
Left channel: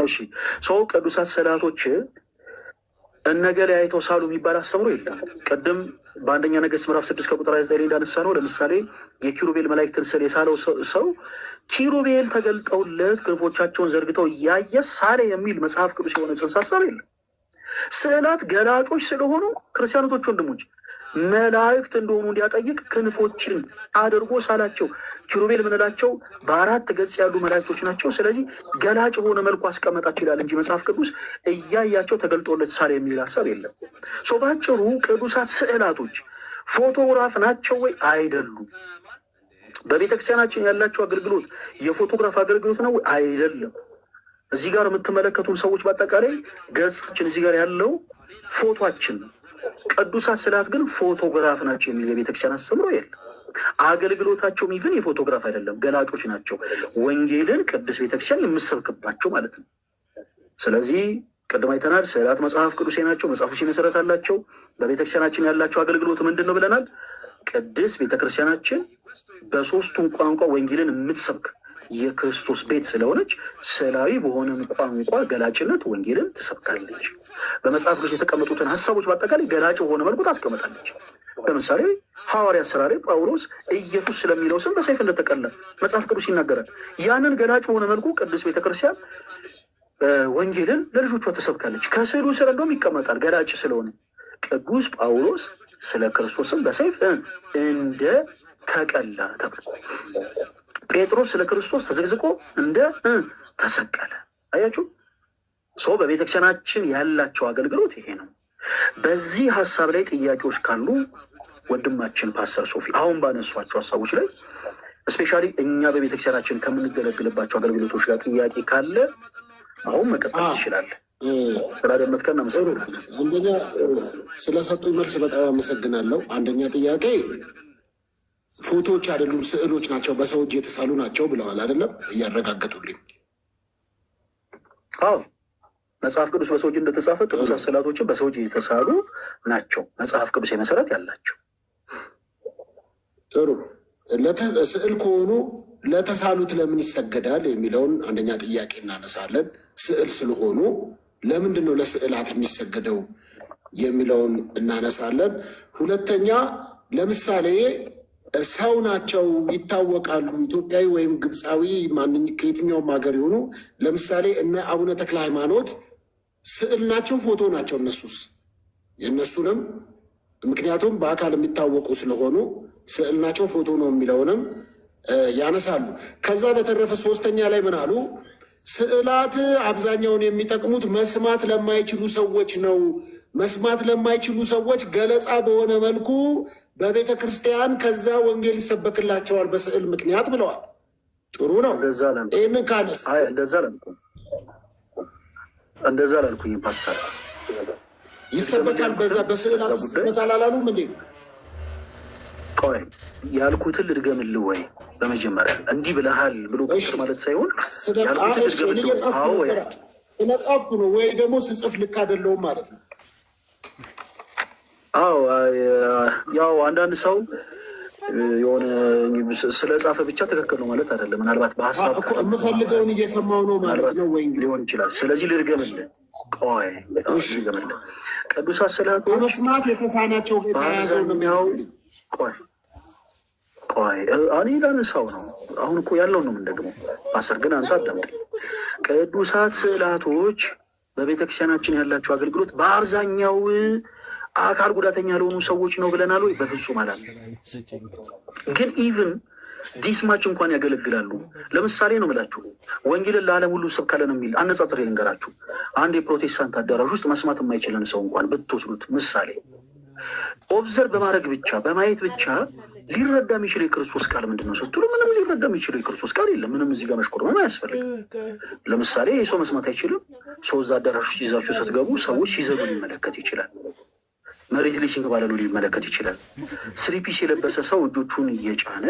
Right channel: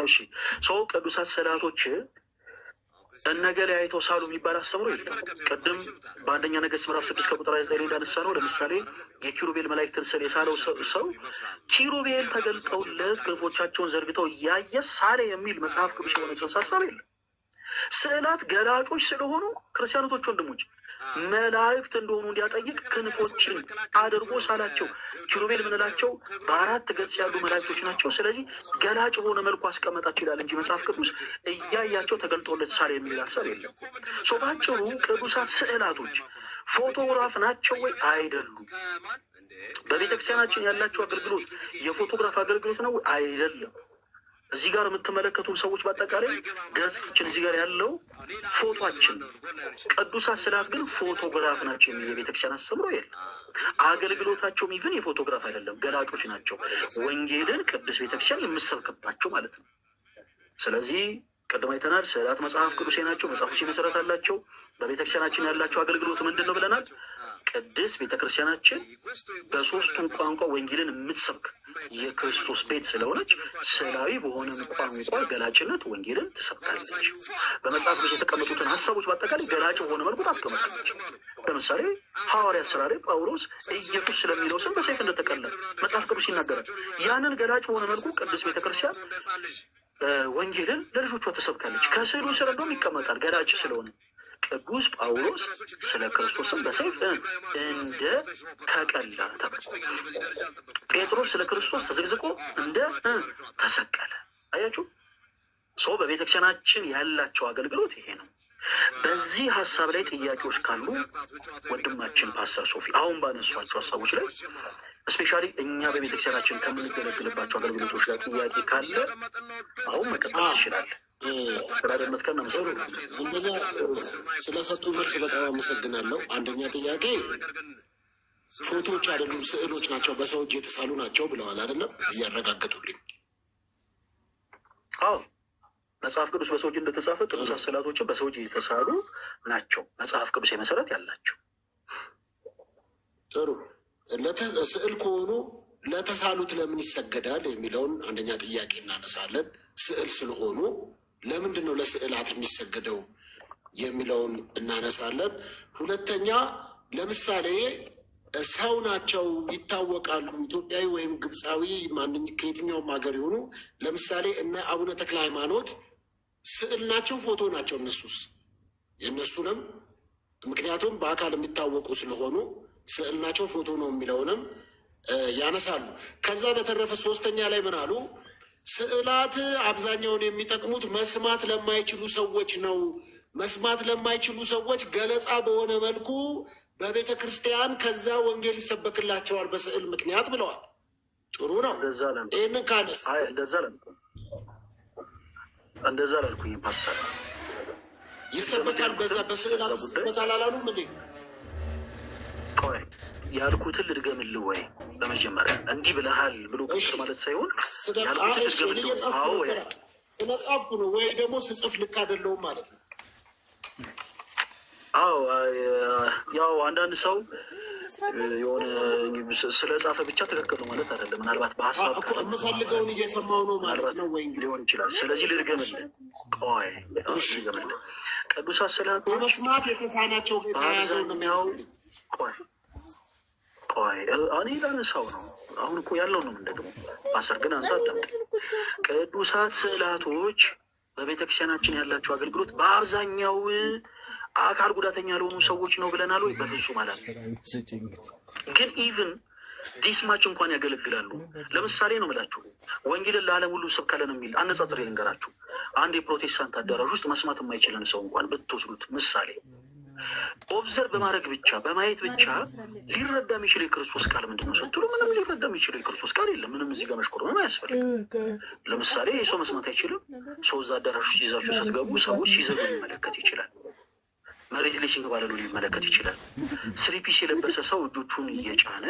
እሺ ሰው ቅዱሳት ስዕላቶች እነገሌ አይተው ሳሉ የሚባል አስተምሮ የለም። ቅድም በአንደኛ ነገሥት ምዕራፍ 6 ከቁጥር 9 እንዳነሳ ነው። ለምሳሌ የኪሩቤል መላእክትን ስዕል የሳለው ሰው ኪሩቤል ተገልጠውለት ክንፎቻቸውን ዘርግተው እያየ ሳለ የሚል መጽሐፍ ቅዱስ የሆነ ጽንሰ ሀሳብ የለም። ስዕላት ገላጮች ስለሆኑ ክርስቲያኖቶች ወንድሞች መላእክት እንደሆኑ እንዲያጠይቅ ክንፎችን አድርጎ ሳላቸው። ኪሩቤል የምንላቸው በአራት ገጽ ያሉ መላእክቶች ናቸው። ስለዚህ ገላጭ በሆነ መልኩ አስቀመጣቸው ይላል እንጂ መጽሐፍ ቅዱስ እያያቸው ተገልጦለት ሳለ የሚል ሀሳብ የለም። ባጭሩ ቅዱሳት ስዕላቶች ፎቶግራፍ ናቸው ወይ? አይደሉም። በቤተክርስቲያናችን ያላቸው አገልግሎት የፎቶግራፍ አገልግሎት ነው ወይ? አይደለም። እዚህ ጋር የምትመለከቱን ሰዎች በአጠቃላይ ገጻችን እዚህ ጋር ያለው ፎቶችን፣ ቅዱሳት ስዕላት ግን ፎቶግራፍ ናቸው የሚል የቤተክርስቲያን አስተምሮ የለም። አገልግሎታቸውም ይህን የፎቶግራፍ አይደለም፣ ገላጮች ናቸው። ወንጌልን ቅዱስ ቤተክርስቲያን የምሰብክባቸው ማለት ነው። ስለዚህ ቅድም አይተናል። ስዕላት መጽሐፍ ቅዱሴ ናቸው፣ መጽሐፍ ቅዱሴ መሰረት አላቸው። በቤተክርስቲያናችን ያላቸው አገልግሎት ምንድን ነው ብለናል? ቅድስት ቤተክርስቲያናችን በሶስቱም ቋንቋ ወንጌልን የምትሰብክ የክርስቶስ ቤት ስለሆነች ስዕላዊ በሆነ ቋንቋ ገላጭነት ወንጌልን ትሰብካለች። በመጽሐፍ ቅዱስ የተቀመጡትን ሀሳቦች በአጠቃላይ ገላጭ በሆነ መልኩ ታስቀምጣለች። ለምሳሌ ሐዋርያት ሥራ ላይ ጳውሎስ ኢየሱስ ስለሚለው ስም በሰይፍ እንደተቀላ መጽሐፍ ቅዱስ ይናገራል። ያንን ገላጭ በሆነ መልኩ ቅድስት ቤተክርስቲያን ወንጌልን ለልጆቿ ትሰብካለች። ከስዕሉ ስር እንደውም ይቀመጣል ገላጭ ስለሆነ ቅዱስ ጳውሎስ ስለ ክርስቶስም በሰይፍ እንደ ተቀላ ተብሎ፣ ጴጥሮስ ስለ ክርስቶስ ተዘግዝቆ እንደ ተሰቀለ። አያችሁ፣ በቤተክርስቲያናችን ያላቸው አገልግሎት ይሄ ነው። በዚህ ሀሳብ ላይ ጥያቄዎች ካሉ ወንድማችን ፓስተር ሶፊ አሁን ባነሷቸው ሀሳቦች ላይ እስፔሻሊ እኛ በቤተክርስቲያናችን ከምንገለግልባቸው አገልግሎቶች ጋር ጥያቄ ካለ አሁን መቀጠል ትችላለህ። ስላደመጥከን አመሰግናለሁ። አንደኛ ስለሰጡኝ መልስ በጣም አመሰግናለሁ። አንደኛ ጥያቄ ፎቶዎች አይደሉም ስዕሎች ናቸው፣ በሰው እጅ የተሳሉ ናቸው ብለዋል አይደለም? እያረጋገጡልኝ። አዎ መጽሐፍ ቅዱስ በሰው እጅ እንደተጻፈ ቅዱሳት ስዕላቶችን በሰው እጅ የተሳሉ ናቸው። መጽሐፍ ቅዱስ መሰረት ያላቸው። ጥሩ። ስዕል ከሆኑ ለተሳሉት ለምን ይሰገዳል የሚለውን አንደኛ ጥያቄ እናነሳለን። ስዕል ስለሆኑ ለምንድን ነው ለስዕላት የሚሰገደው የሚለውን እናነሳለን። ሁለተኛ ለምሳሌ ሰው ናቸው ይታወቃሉ፣ ኢትዮጵያዊ ወይም ግብፃዊ ከየትኛውም ሀገር የሆኑ ለምሳሌ እነ አቡነ ተክለ ሃይማኖት ስዕል ናቸው ፎቶ ናቸው? እነሱስ የእነሱንም ምክንያቱም በአካል የሚታወቁ ስለሆኑ ስዕል ናቸው ፎቶ ነው የሚለውንም ያነሳሉ። ከዛ በተረፈ ሶስተኛ ላይ ምን አሉ? ስዕላት አብዛኛውን የሚጠቅሙት መስማት ለማይችሉ ሰዎች ነው። መስማት ለማይችሉ ሰዎች ገለጻ በሆነ መልኩ በቤተ ክርስቲያን ከዛ ወንጌል ይሰበክላቸዋል በስዕል ምክንያት ብለዋል። ጥሩ ነው። ይህንን ካነሱ እንደዛ ላልኩኝ ፓስተር ይሰበካል፣ በዛ በስዕላት ይሰበካል አላሉም እንዴ? ቆይ ያልኩትን ልድገምልህ ወይ? በመጀመሪያ እንዲህ ብለሃል ብሎ ማለት ሳይሆን ያልኩትን ልድገምልህ። ስለጻፍኩ ነው ወይ ደግሞ ስጽፍ ልክ አይደለሁም ማለት ነው? አዎ ያው አንዳንድ ሰው የሆነ ስለጻፈ ብቻ ትክክል ነው ማለት አይደለም። ምናልባት በሀሳብ የምፈልገውን እየሰማው ነው ማለት ነው ወይ ሊሆን ይችላል። ስለዚህ ልድገምልህ። ቆይ ልድገምልህ። ቅዱሳት ስዕላቶች በመስማት የተሳናቸው የተያዘው ነው የሚያውቁ። ቆይ እኔ ላነሳው ነው። አሁን እኮ ያለው ነው የምንደግመው። ፓስተር ግን አንተ አዳምጥ። ቅዱሳት ስዕላቶች በቤተክርስቲያናችን ያላቸው አገልግሎት በአብዛኛው አካል ጉዳተኛ ለሆኑ ሰዎች ነው ብለናል ወይ? በፍጹም አላለም። ግን ኢቭን ዲስማች እንኳን ያገለግላሉ። ለምሳሌ ነው የምላችሁ ወንጌልን ለዓለም ሁሉ ሰብካለን የሚል አነጻጽሬ ልንገራችሁ። አንድ የፕሮቴስታንት አዳራሽ ውስጥ መስማት የማይችለን ሰው እንኳን ብትወስዱት ምሳሌ ኦብዘርቭ በማድረግ ብቻ በማየት ብቻ ሊረዳ የሚችለው የክርስቶስ ቃል ምንድን ነው ስትሉ ምንም ሊረዳ የሚችለው የክርስቶስ ቃል የለም። ምንም እዚህ ጋር መሽኮርመም አያስፈልግም። ለምሳሌ ይህ ሰው መስማት አይችልም። ሰው እዛ አዳራሽ ይዛችሁ ስትገቡ ሰዎች ሲዘሉ ሊመለከት ይችላል። መሬት ላይ ሲንከባለሉ ሊመለከት ይችላል። ስሪፒስ የለበሰ ሰው እጆቹን እየጫነ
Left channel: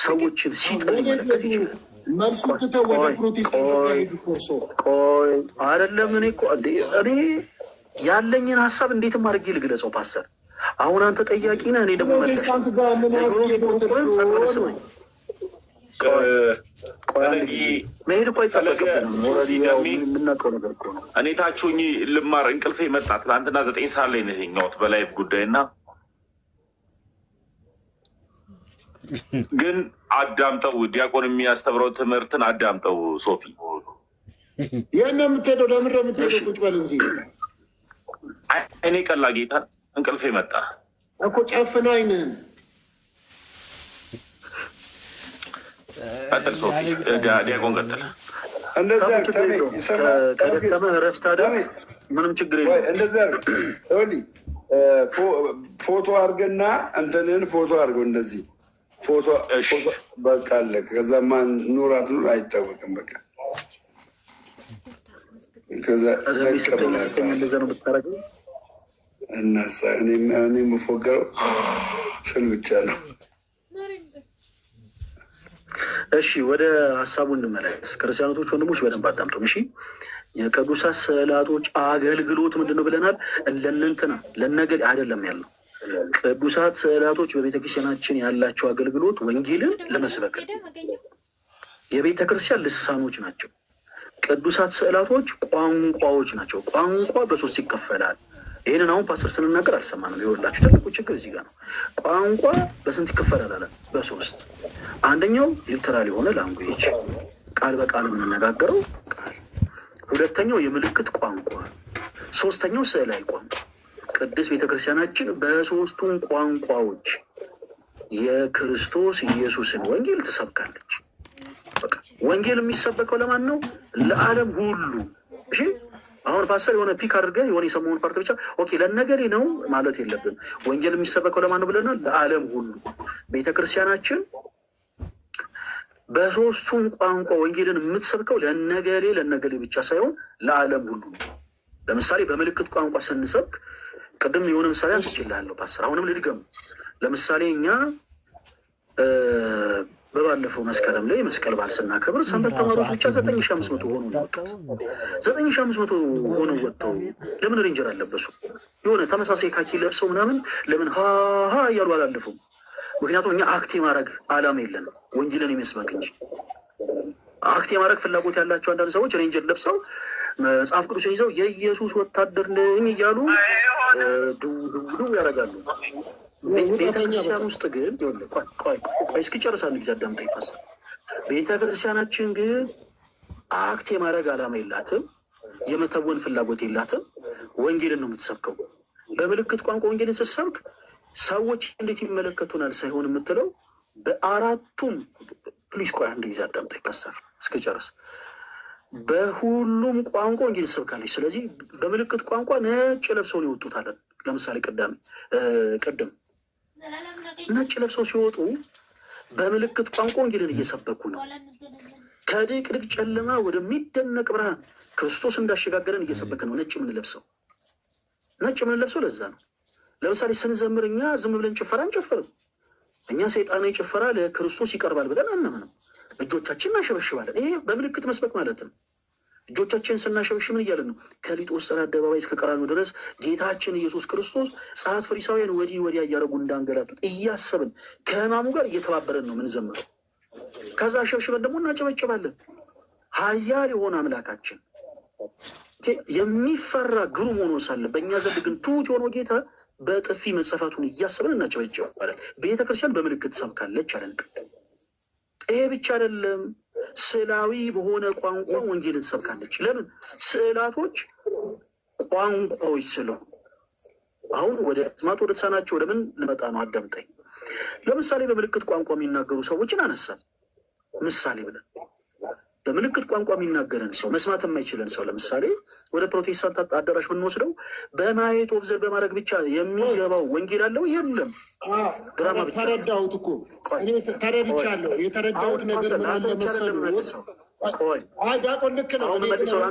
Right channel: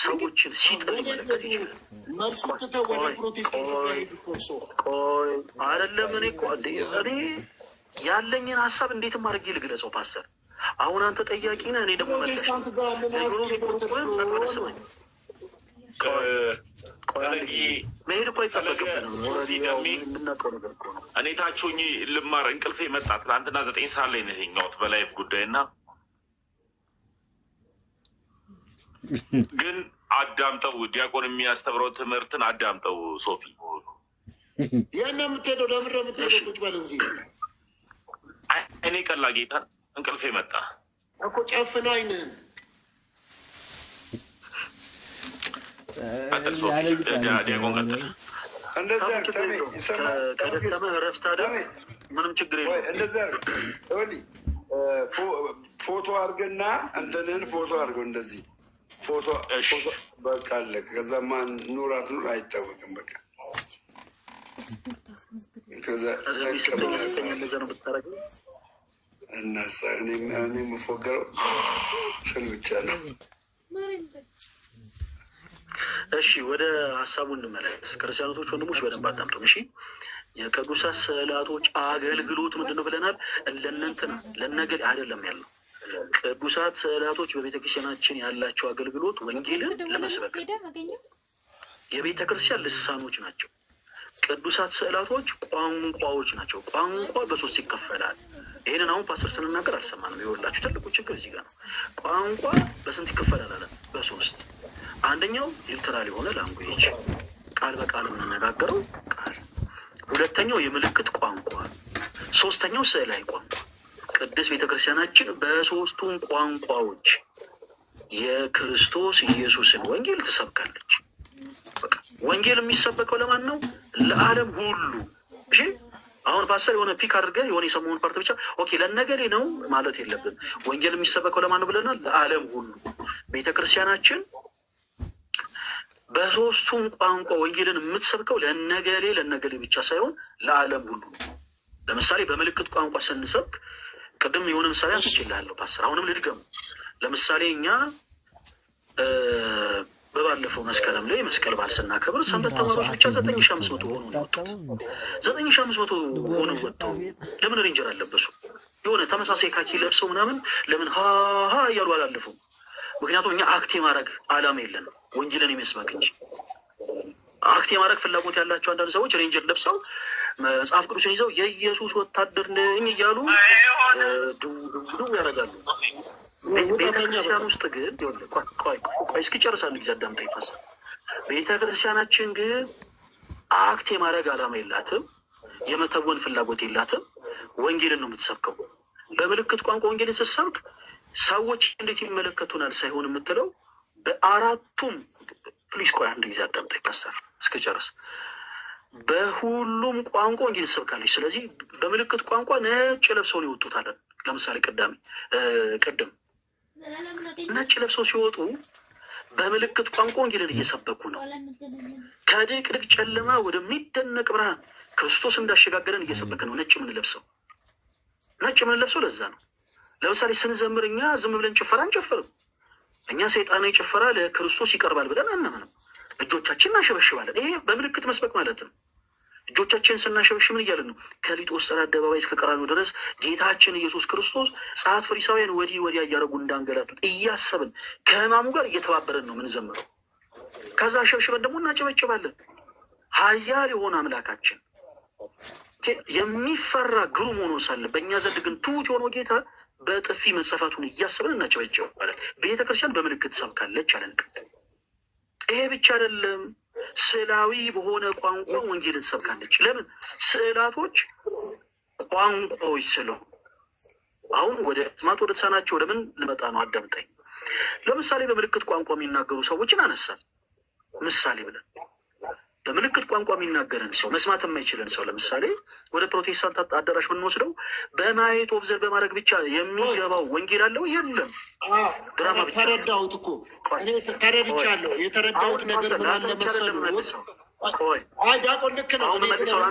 ሰዎችን ሲጥል ሊመለከት ይችላል። መልሱ ትተው ወደ ፕሮቴስታንት ቆይ አይደለም። እኔ ያለኝን ሀሳብ እንዴትም አድርጌ ልግለጸው ፓስተር። አሁን አንተ ጠያቂ ነህ፣ እኔ ደግሞ ፕሮቴስታንት ጋር ምን ያስኬደው? መሄድ እኮ አይጠበቅብንም። የምናውቀው ነገር እኮ ነው። እኔ ታችሁኝ ልማር እንቅልፌ መጣ። ትናንትና 9 ሰዓት ላይ ነው የተኛሁት በላይፍ ጉዳይ እና ግን አዳምጠው ዲያቆን የሚያስተምረው ትምህርትን አዳምጠው። ሶፊ ያን የምትሄደው ለምን የምትሄደው? ቁጭ በል እንጂ እኔ ቀላ ጌታ እንቅልፌ መጣ እኮ ጨፍና አይንህን ቀጥል። ሶፊ ዲያቆን ቀጥል። ምንም ችግር የለም። እንደዚያ ፎቶ አድርገና እንትንን ፎቶ አድርገው እንደዚህ ፎቶ በቃ አለ። ከዛ ማን ኑራት ኑር አይታወቅም። በቃ ከዛ እናሳ እኔ የምፎገረው ስል ብቻ ነው። እሺ ወደ ሀሳቡ እንመለስ። ክርስቲያኖቶች ወንድሞች በደንብ አዳምጡም። እሺ የቅዱሳት ስዕላቶች አገልግሎት ምንድን ነው ብለናል? ለእነንትና ለነገል አይደለም ያለው። ቅዱሳት ስዕላቶች በቤተክርስቲያናችን ያላቸው አገልግሎት ወንጌልን ለመስበክ የቤተክርስቲያን ልሳኖች ናቸው። ቅዱሳት ስዕላቶች ቋንቋዎች ናቸው። ቋንቋ በሶስት ይከፈላል። ይህንን አሁን ፓስተር ስንናገር አልሰማንም። ይኸውላችሁ ትልቁ ችግር እዚህ ጋር ነው። ቋንቋ በስንት ይከፈላል አለ? በሶስት። አንደኛው ሊተራል የሆነ ላንጉዌጅ ቃል በቃል የምንነጋገረው ቃል፣ ሁለተኛው የምልክት ቋንቋ፣ ሶስተኛው ስዕላዊ ቋንቋ። ቅድስት ቤተክርስቲያናችን በሶስቱም ቋንቋዎች የክርስቶስ ኢየሱስን ወንጌል ትሰብካለች። በቃ ወንጌል የሚሰበከው ለማን ነው? ለዓለም ሁሉ። እሺ አሁን ፓስተር የሆነ ፒክ አድርገህ የሆነ የሰማውን ፓርት ብቻ ኦኬ ለነገሌ ነው ማለት የለብን። ወንጌል የሚሰበከው ለማን ነው ብለናል? ለዓለም ሁሉ። ቤተክርስቲያናችን በሶስቱም ቋንቋ ወንጌልን የምትሰብከው ለነገሌ ብቻ ሳይሆን ለዓለም ሁሉ። ለምሳሌ በምልክት ቋንቋ ስንሰብክ ቅድም የሆነ ምሳሌ አንስቼልሃለሁ ፓስተር፣ አሁንም ልድገም። ለምሳሌ እኛ በባለፈው መስከረም ላይ መስቀል በዓል ስናከብር ሰንበት ተማሪዎች ብቻ 9500 ሆኖ ነው ወጡት። 9500 ሆነው ወጥተው ለምን ሬንጀር አለበሱ? የሆነ ተመሳሳይ ካኪ ለብሰው ምናምን ለምን ሀ እያሉ አላለፉም? ምክንያቱም እኛ አክት የማድረግ አላማ የለንም ወንጌልን የሚመስበክ እንጂ። አክት የማድረግ ፍላጎት ያላቸው አንዳንድ ሰዎች ሬንጀር ለብሰው መጽሐፍ ቅዱስን ይዘው የኢየሱስ ወታደር ነኝ እያሉ ድው ያደርጋሉ። ቤተክርስቲያን ውስጥ ግን ቆይ እስኪጨርስ አንድ ጊዜ አዳምጠኝ ፓስተር። ቤተክርስቲያናችን ግን አክት የማድረግ አላማ የላትም፣ የመተወን ፍላጎት የላትም። ወንጌልን ነው የምትሰብከው። በምልክት ቋንቋ ወንጌልን ስትሰብክ ሰዎች እንዴት ይመለከቱናል ሳይሆን የምትለው በአራቱም ፕሊስ ቆይ አንድ ጊዜ አዳምጠኝ ፓስተር እስኪጨርስ። በሁሉም ቋንቋ ወንጌል ትሰብካለች። ስለዚህ በምልክት ቋንቋ ነጭ ለብሰው ነው ይወጡታለን። ለምሳሌ ቅድም ነጭ ለብሰው ሲወጡ በምልክት ቋንቋ ወንጌልን እየሰበኩ ነው። ከድቅድቅ ጨለማ ወደሚደነቅ ብርሃን ክርስቶስ እንዳሸጋገረን እየሰበክ ነው። ነጭ የምንለብሰው ለዛ ነው። ለምሳሌ ስንዘምር እኛ ዝም ብለን ጭፈራ አንጨፍርም። እኛ ሰይጣናዊ ጭፈራ ለክርስቶስ ይቀርባል ብለን አናምንም። እጆቻችን እናሸበሽባለን። ይሄ በምልክት መስበክ ማለት ነው። እጆቻችን ስናሸበሽብ ምን እያለን ነው? ከሊጦስጥራ አደባባይ እስከ ቀራንዮ ድረስ ጌታችን ኢየሱስ ክርስቶስ ጸሐፍት ፈሪሳውያን ወዲህ ወዲያ እያደረጉ እንዳንገላቱት እያሰብን ከሕማሙ ጋር እየተባበረን ነው ምንዘምረው። ከዛ አሸብሽበን ደግሞ እናጨበጭባለን። ኃያል የሆነ አምላካችን የሚፈራ ግሩም ሆኖ ሳለ በእኛ ዘንድ ግን ትሑት የሆነው ጌታ በጥፊ መጸፋቱን እያሰብን እናጨበጭባለን። ቤተክርስቲያን በምልክት ሰብካለች አለን። ይሄ ብቻ አይደለም። ስዕላዊ በሆነ ቋንቋ ወንጌልን ትሰብካለች። ለምን? ስዕላቶች ቋንቋዎች ስለሆኑ። አሁን ወደ ተሳናቸው ወደ ምን ልመጣ ነው? አዳምጠኝ። ለምሳሌ በምልክት ቋንቋ የሚናገሩ ሰዎችን አነሳል ምሳሌ ብለን። በምልክት ቋንቋ የሚናገረን ሰው መስማት የማይችለን ሰው ለምሳሌ ወደ ፕሮቴስታንት አዳራሽ ብንወስደው በማየት ኦብዘርቭ በማድረግ ብቻ የሚገባው ወንጌል አለው? የለም። ድራማ ብቻ። ተረዳሁት እኮ እኔ ተረድቻለሁ። የተረዳሁት ነገር ምን አለ መሰለህ? ዲያቆን ልክ ነው።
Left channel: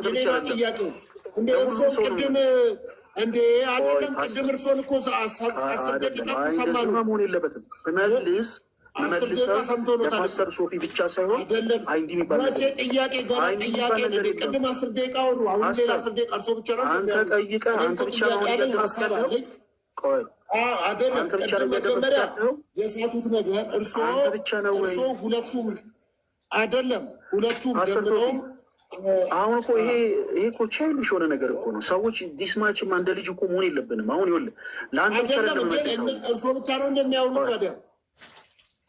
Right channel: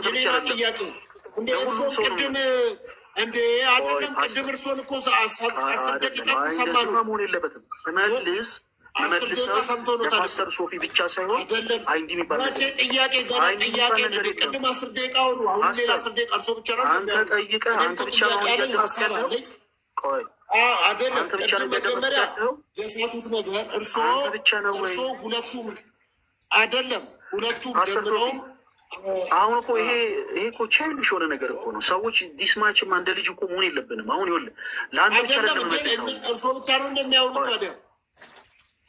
ሌላ ጥያቄ እንደ እርሶን ቅድም እንዴ አይደለም። ቅድም እርሶን እኮ 10 ደቂቃ ሰማሉ። መሆን የለበትም ስመልስ የፓስተር ሶፊ ብቻ ሳይሆን አይንዲ የሚባል ጥያቄ ገና ጥያቄ ቅድም 10 ደቂቃ ወሩ። አሁን ሌላ 10 ደቂቃ እርሶ ብቻ ነው አንተ ጠይቀህ አንተ ብቻ ነው ያለው። ቆይ አይደለም አንተ ብቻ ነው መጀመሪያ የሳቱት ነገር እርሶ ሁለቱም አይደለም ሁለቱም ደምረው አሁን እኮ ይሄ እኮ ቻይልሽ የሆነ ነገር እኮ ነው። ሰዎች ዲስማችም አንደ ልጅ እኮ መሆን የለብንም። አሁን ይኸውልህ ለአንተ ብቻ ነው እርሶ ብቻ ነው እንደሚያወሩት ታዲያ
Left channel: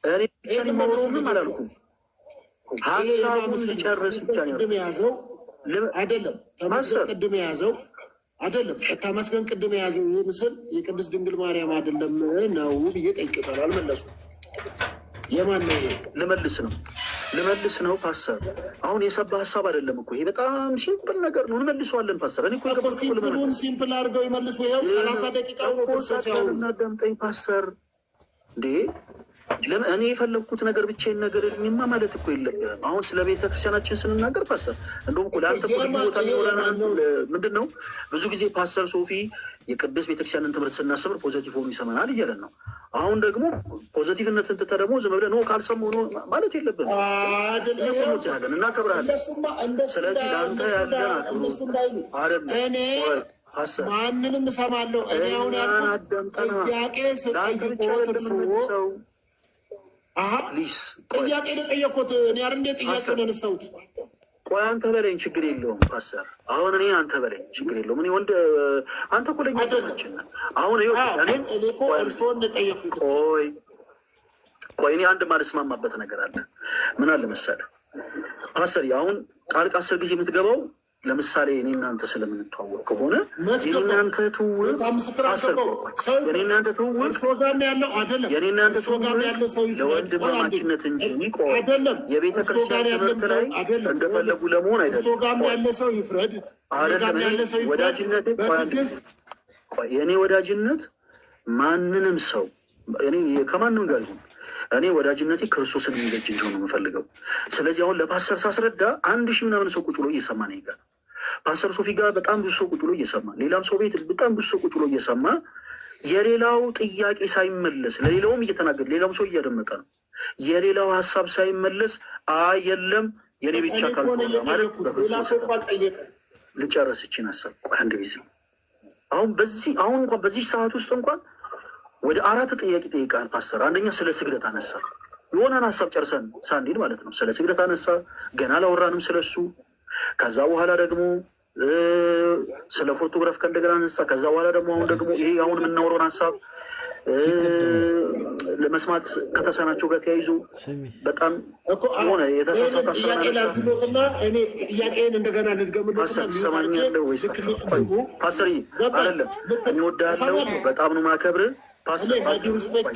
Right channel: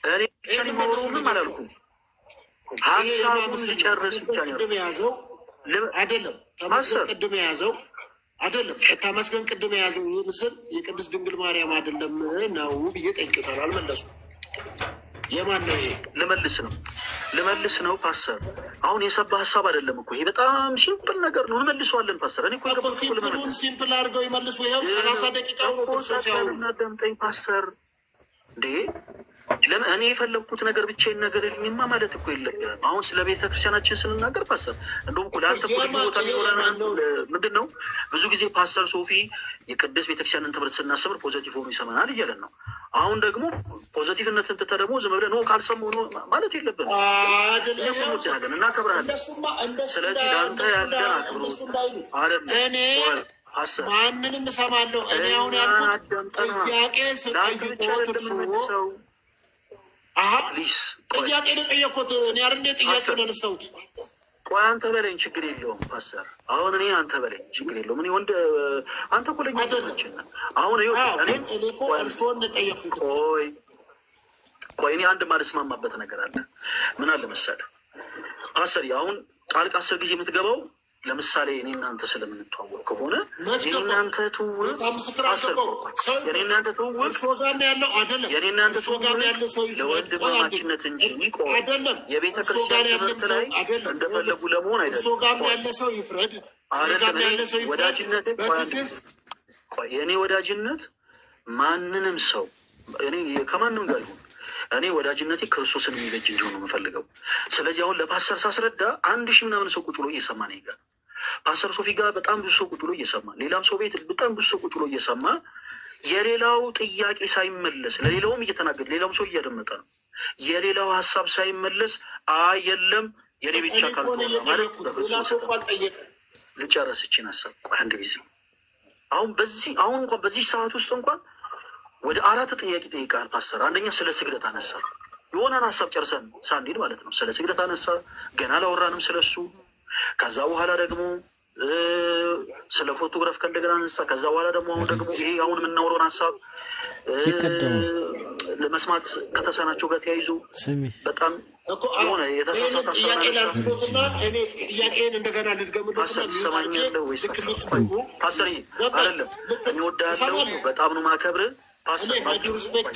እኔ ብቻ ማውሩም አላልኩም። ሀሳቡን ሊጨርስ ብቻ ነው የያዘው። አይደለም ተመስገን ቅድም የያዘው አይደለም ተመስገን ቅድም የያዘው ይህ ምስል የቅድስት ድንግል ማርያም አይደለም ነው ብዬ ጠይቄታለሁ። አልመለሱም። የማን ነው ይሄ? ልመልስ ነው ፓስተር። አሁን የሰባ ሀሳብ አይደለም እኮ ይሄ በጣም ሲምፕል ነገር ነው። እንመልሰዋለን ፓስተር። እኔ እኮ ሲምፕል አድርገው ይመልሱ። ይኸው 30 ደቂቃ ነው ሲያወሩ። እናዳምጠኝ ፓስተር እንዴ እኔ የፈለግኩት ነገር ብቻዬን ነገር ልኝማ ማለት እኮ የለብህም። አሁን ስለ ቤተ ክርስቲያናችን ስንናገር ፓስተር እንደውም እኮ ለአንተ ቦታ የሚሆነ ምንድን ነው? ብዙ ጊዜ ፓስተር ሶፊ የቅድስት ቤተክርስቲያንን ትምህርት ስናስብር ፖዘቲቭ ሆኑ ይሰማናል እያለን ነው። አሁን ደግሞ ፖዘቲቭነትን ትተህ ደግሞ ዝም ብለህ ነው ካልሰማሁ ነው ማለት የለብህም። እንወድሃለን፣ እናከብርሃለን። ስለዚህ ለአንተ ያለን አክብሮት አይደለም ፓስተር። ማንንም እሰማለሁ። እኔ አሁን ያልኩት ጥያቄ ስጠይቆት እርሶ ጥያቄ የጠየኩት እኔ አይደል እንደ ጥያቄ ነው ያነሳሁት። ቆይ አንተ በለኝ ችግር የለውም ፓስተር። አሁን እኔ አንተ በለኝ ችግር የለውም። እኔ ወንድ አንተ እኮ ለኛ ተመችና አሁን እኔ እኮ እርሶን ጠየኩት። ቆይ እኔ አንድ ማልስማማበት ነገር አለ። ምን አለ መሰለህ ፓስተር፣ አሁን ጣልቃ 10 ጊዜ የምትገባው ለምሳሌ እኔ እናንተ ስለምንተዋወቅ ከሆነ የኔ እናንተ ትውውቅ የኔ እናንተ ትውውቅ የኔ እናንተ ትውውቅ ለወንድማማችነት እንጂ የቤተ ክርስቲያን ትምህርት ላይ እንደፈለጉ ለመሆን አይደለም። ወዳጅነት የእኔ ወዳጅነት ማንንም ሰው እኔ ከማንም ጋር ይሁን እኔ ወዳጅነቴ ክርስቶስን የሚበጅ እንዲሆን ነው የምፈልገው። ስለዚህ አሁን ለፓስተር ሳስረዳ 1000 ምናምን ሰው ቁጭ ብሎ እየሰማ ነው ይጋር ፓስተር ሶፊ ጋር በጣም ብዙ ሰው ቁጭ ብሎ እየሰማ ሌላም ሰው ቤት በጣም ብዙ ሰው ቁጭ ብሎ እየሰማ የሌላው ጥያቄ ሳይመለስ ለሌላውም እየተናገረ ሌላውም ሰው እያደመጠ ነው። የሌላው ሀሳብ ሳይመለስ የለም የኔ ብቻ ካልሆነ ማለት ልጨርስ ይችን ሀሳብ አንድ ጊዜ አሁን እንኳን በዚህ ሰዓት ውስጥ እንኳን ወደ 4 ጥያቄ ጠይቃል ፓስተር። አንደኛ ስለ ስግደት አነሳ፣ የሆነን ሀሳብ ጨርሰን ሳንሄድ ማለት ነው። ስለ ስግደት አነሳ፣ ገና አላወራንም ስለሱ። ከዛ በኋላ ደግሞ ስለ ፎቶግራፍ ከእንደገና አነሳ። ከዛ በኋላ ደግሞ ይሄ አሁን የምናወራውን ሀሳብ ለመስማት ከተሰናቸው ጋር ተያይዞ በጣም ሆነ የተሳሳተ ጥያቄን እንደገና ፓስተር ትሰማኛለህ ወይስ? ፓስተር አይደለም እንወዳለው፣ በጣም ነው ማከብር ፓስተር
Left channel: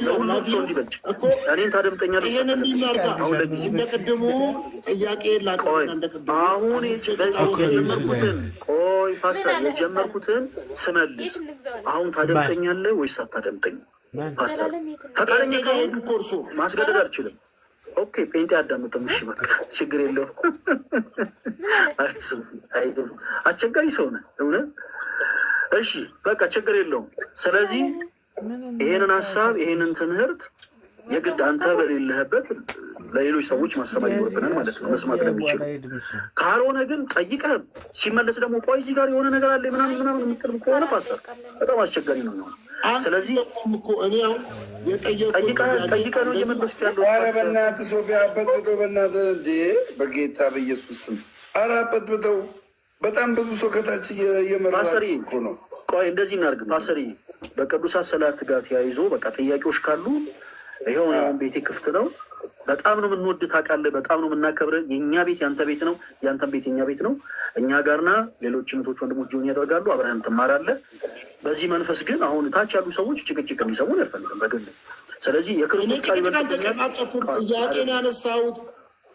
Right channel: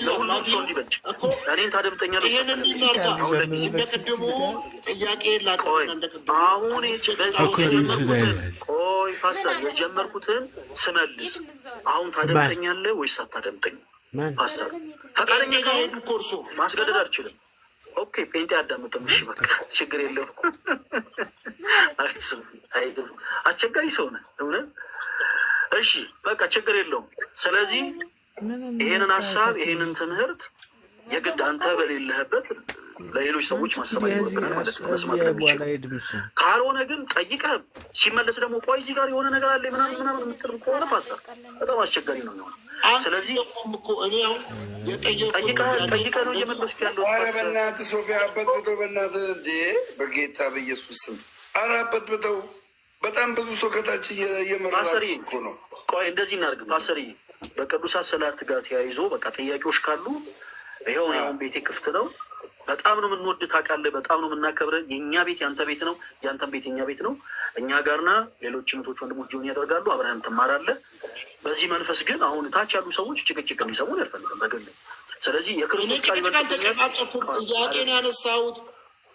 ለሁሉም ሰው እንዲበጅ እኔን ታደምጠኛለህ። እንደቅድሙ ጥያቄ አሁን ፓስተር የጀመርኩትን ስመልስ አሁን ታደምጠኛለህ ወይስ አታደምጠኝ? ፓስተር ፈቃደኛ ከሆንክ ኮርሶ ማስገደድ አልችልም። ኦኬ ጴንጤ አዳምጥም። እሺ በቃ ችግር የለውም። አስቸጋሪ ሰው ነህ እውነት። እሺ በቃ ችግር የለውም። ስለዚህ ይሄንን ሀሳብ ይሄንን ትምህርት የግድ አንተ በሌለህበት ለሌሎች ሰዎች ማሰማት ይኖርብናል ማለት ነው፣ መስማት ለሚችል ካልሆነ ግን ጠይቀህ ሲመለስ ደግሞ ቆይ እዚህ ጋር የሆነ ነገር አለ ምናምን የምትል ከሆነ ፓስተር በጣም አስቸጋሪ ነው የሚሆነው። ስለዚህ ጠይቀህ ነው እየመለስኩ ያለው። ኧረ በእናትህ ሶፊያ አበጥብጠው፣ በእናትህ እንዴ በጌታ በኢየሱስ ስም ኧረ አበጥብጠው። በጣም ብዙ ሰው ከታች እየመራችሁ እኮ ነው። ቆይ እንደዚህ እናድርግ ፓስተር፣ በቅዱሳት ሰላት ጋር ተያይዞ በቃ ጥያቄዎች ካሉ ይኸው አሁን ቤቴ ክፍት ነው። በጣም ነው የምንወድ ታውቃለህ፣ በጣም ነው የምናከብረ። የእኛ ቤት ያንተ ቤት ነው፣ ያንተን ቤት የኛ ቤት ነው። እኛ ጋርና ሌሎች እህቶች ወንድሞች ጆን ያደርጋሉ፣ አብረን ትማራለህ። በዚህ መንፈስ ግን አሁን ታች ያሉ ሰዎች ጭቅጭቅ እንዲሰሙን አልፈልግም በግል። ስለዚህ የክርስቶስ ቃል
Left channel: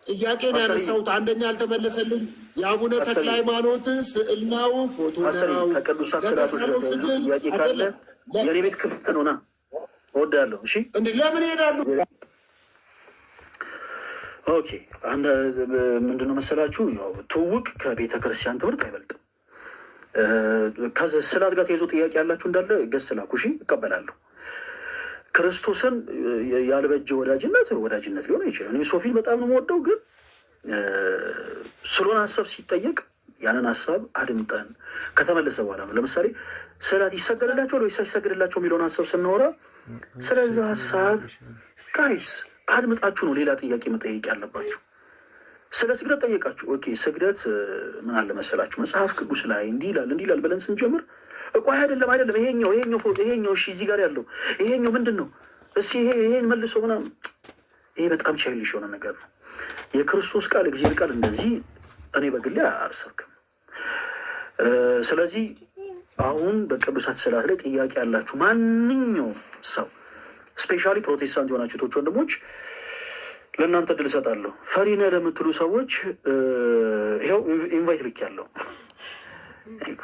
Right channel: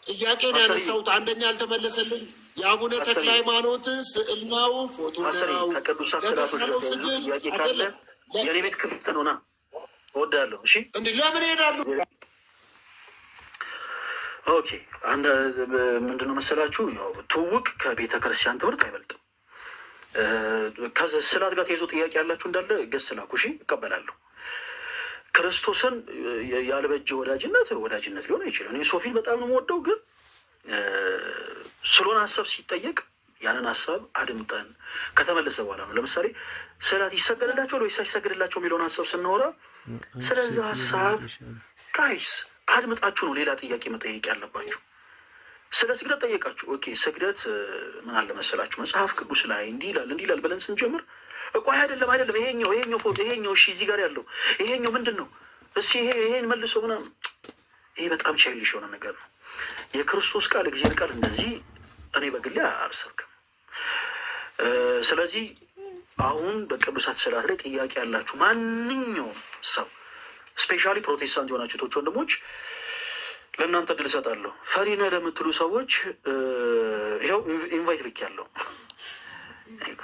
ጥያቄን ያነሳሁት አንደኛ አልተመለሰልኝ። የአቡነ ተክለ ሃይማኖት ስዕል ነው ፎቶ ነው። ከቅዱሳት ስዕላቶች ጥያቄ ካለ የኔ ቤት ክፍት ነው፣ ና እወዳለሁ። እሺ እንዴ ለምን ይሄዳሉ? ኦኬ አንድ ምንድነው መሰላችሁ፣ ያው ትውውቅ ከቤተ ክርስቲያን ትምህርት አይበልጥም። ከስዕላት ጋር ተይዞ ጥያቄ ያላችሁ እንዳለ ገስ ላኩ፣ እሺ እቀበላለሁ። ክርስቶስን ያልበጀ ወዳጅነት ሊሆን አይችልም። እኔ ሶፊን በጣም ነው የምወደው፣ ግን ስለሆነ ሀሳብ ሲጠየቅ ያንን ሀሳብ አድምጠን ከተመለሰ በኋላ ነው። ለምሳሌ ስዕላት ይሰገድላቸዋል ወይስ አይሰገድላቸው የሚለውን ሀሳብ ስናወራ ስለዚህ ሀሳብ ጋይስ አድምጣችሁ ነው ሌላ ጥያቄ መጠየቅ ያለባችሁ። ስለ ስግደት ጠየቃችሁ። ኦኬ ስግደት ምን አለ መሰላችሁ መጽሐፍ ቅዱስ ላይ እንዲህ ይላል ብለን ስንጀምር እቆይ አይደለም ይሄኛው ፎቶ ይሄኛው እሺ እዚህ ጋር ያለው ይሄኛው ምንድን ነው እስኪ ይሄን መልሶ ምናምን፣ ይሄ በጣም ቻይልሽ የሆነ ነገር ነው። የክርስቶስ ቃል እግዚአብሔር ቃል እንደዚህ እኔ በግሌ አልሰብክም። ስለዚህ አሁን በቅዱሳት ስዕላት ላይ ጥያቄ ያላችሁ ማንኛውም ሰው ስፔሻሊ ፕሮቴስታንት የሆናችሁ ቶች ወንድሞች ለእናንተ እድል እሰጣለሁ። ፈሪነ ለምትሉ ሰዎች ይኸው ኢንቫይት ልክ ያለው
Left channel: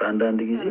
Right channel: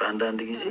አንዳንድ ጊዜ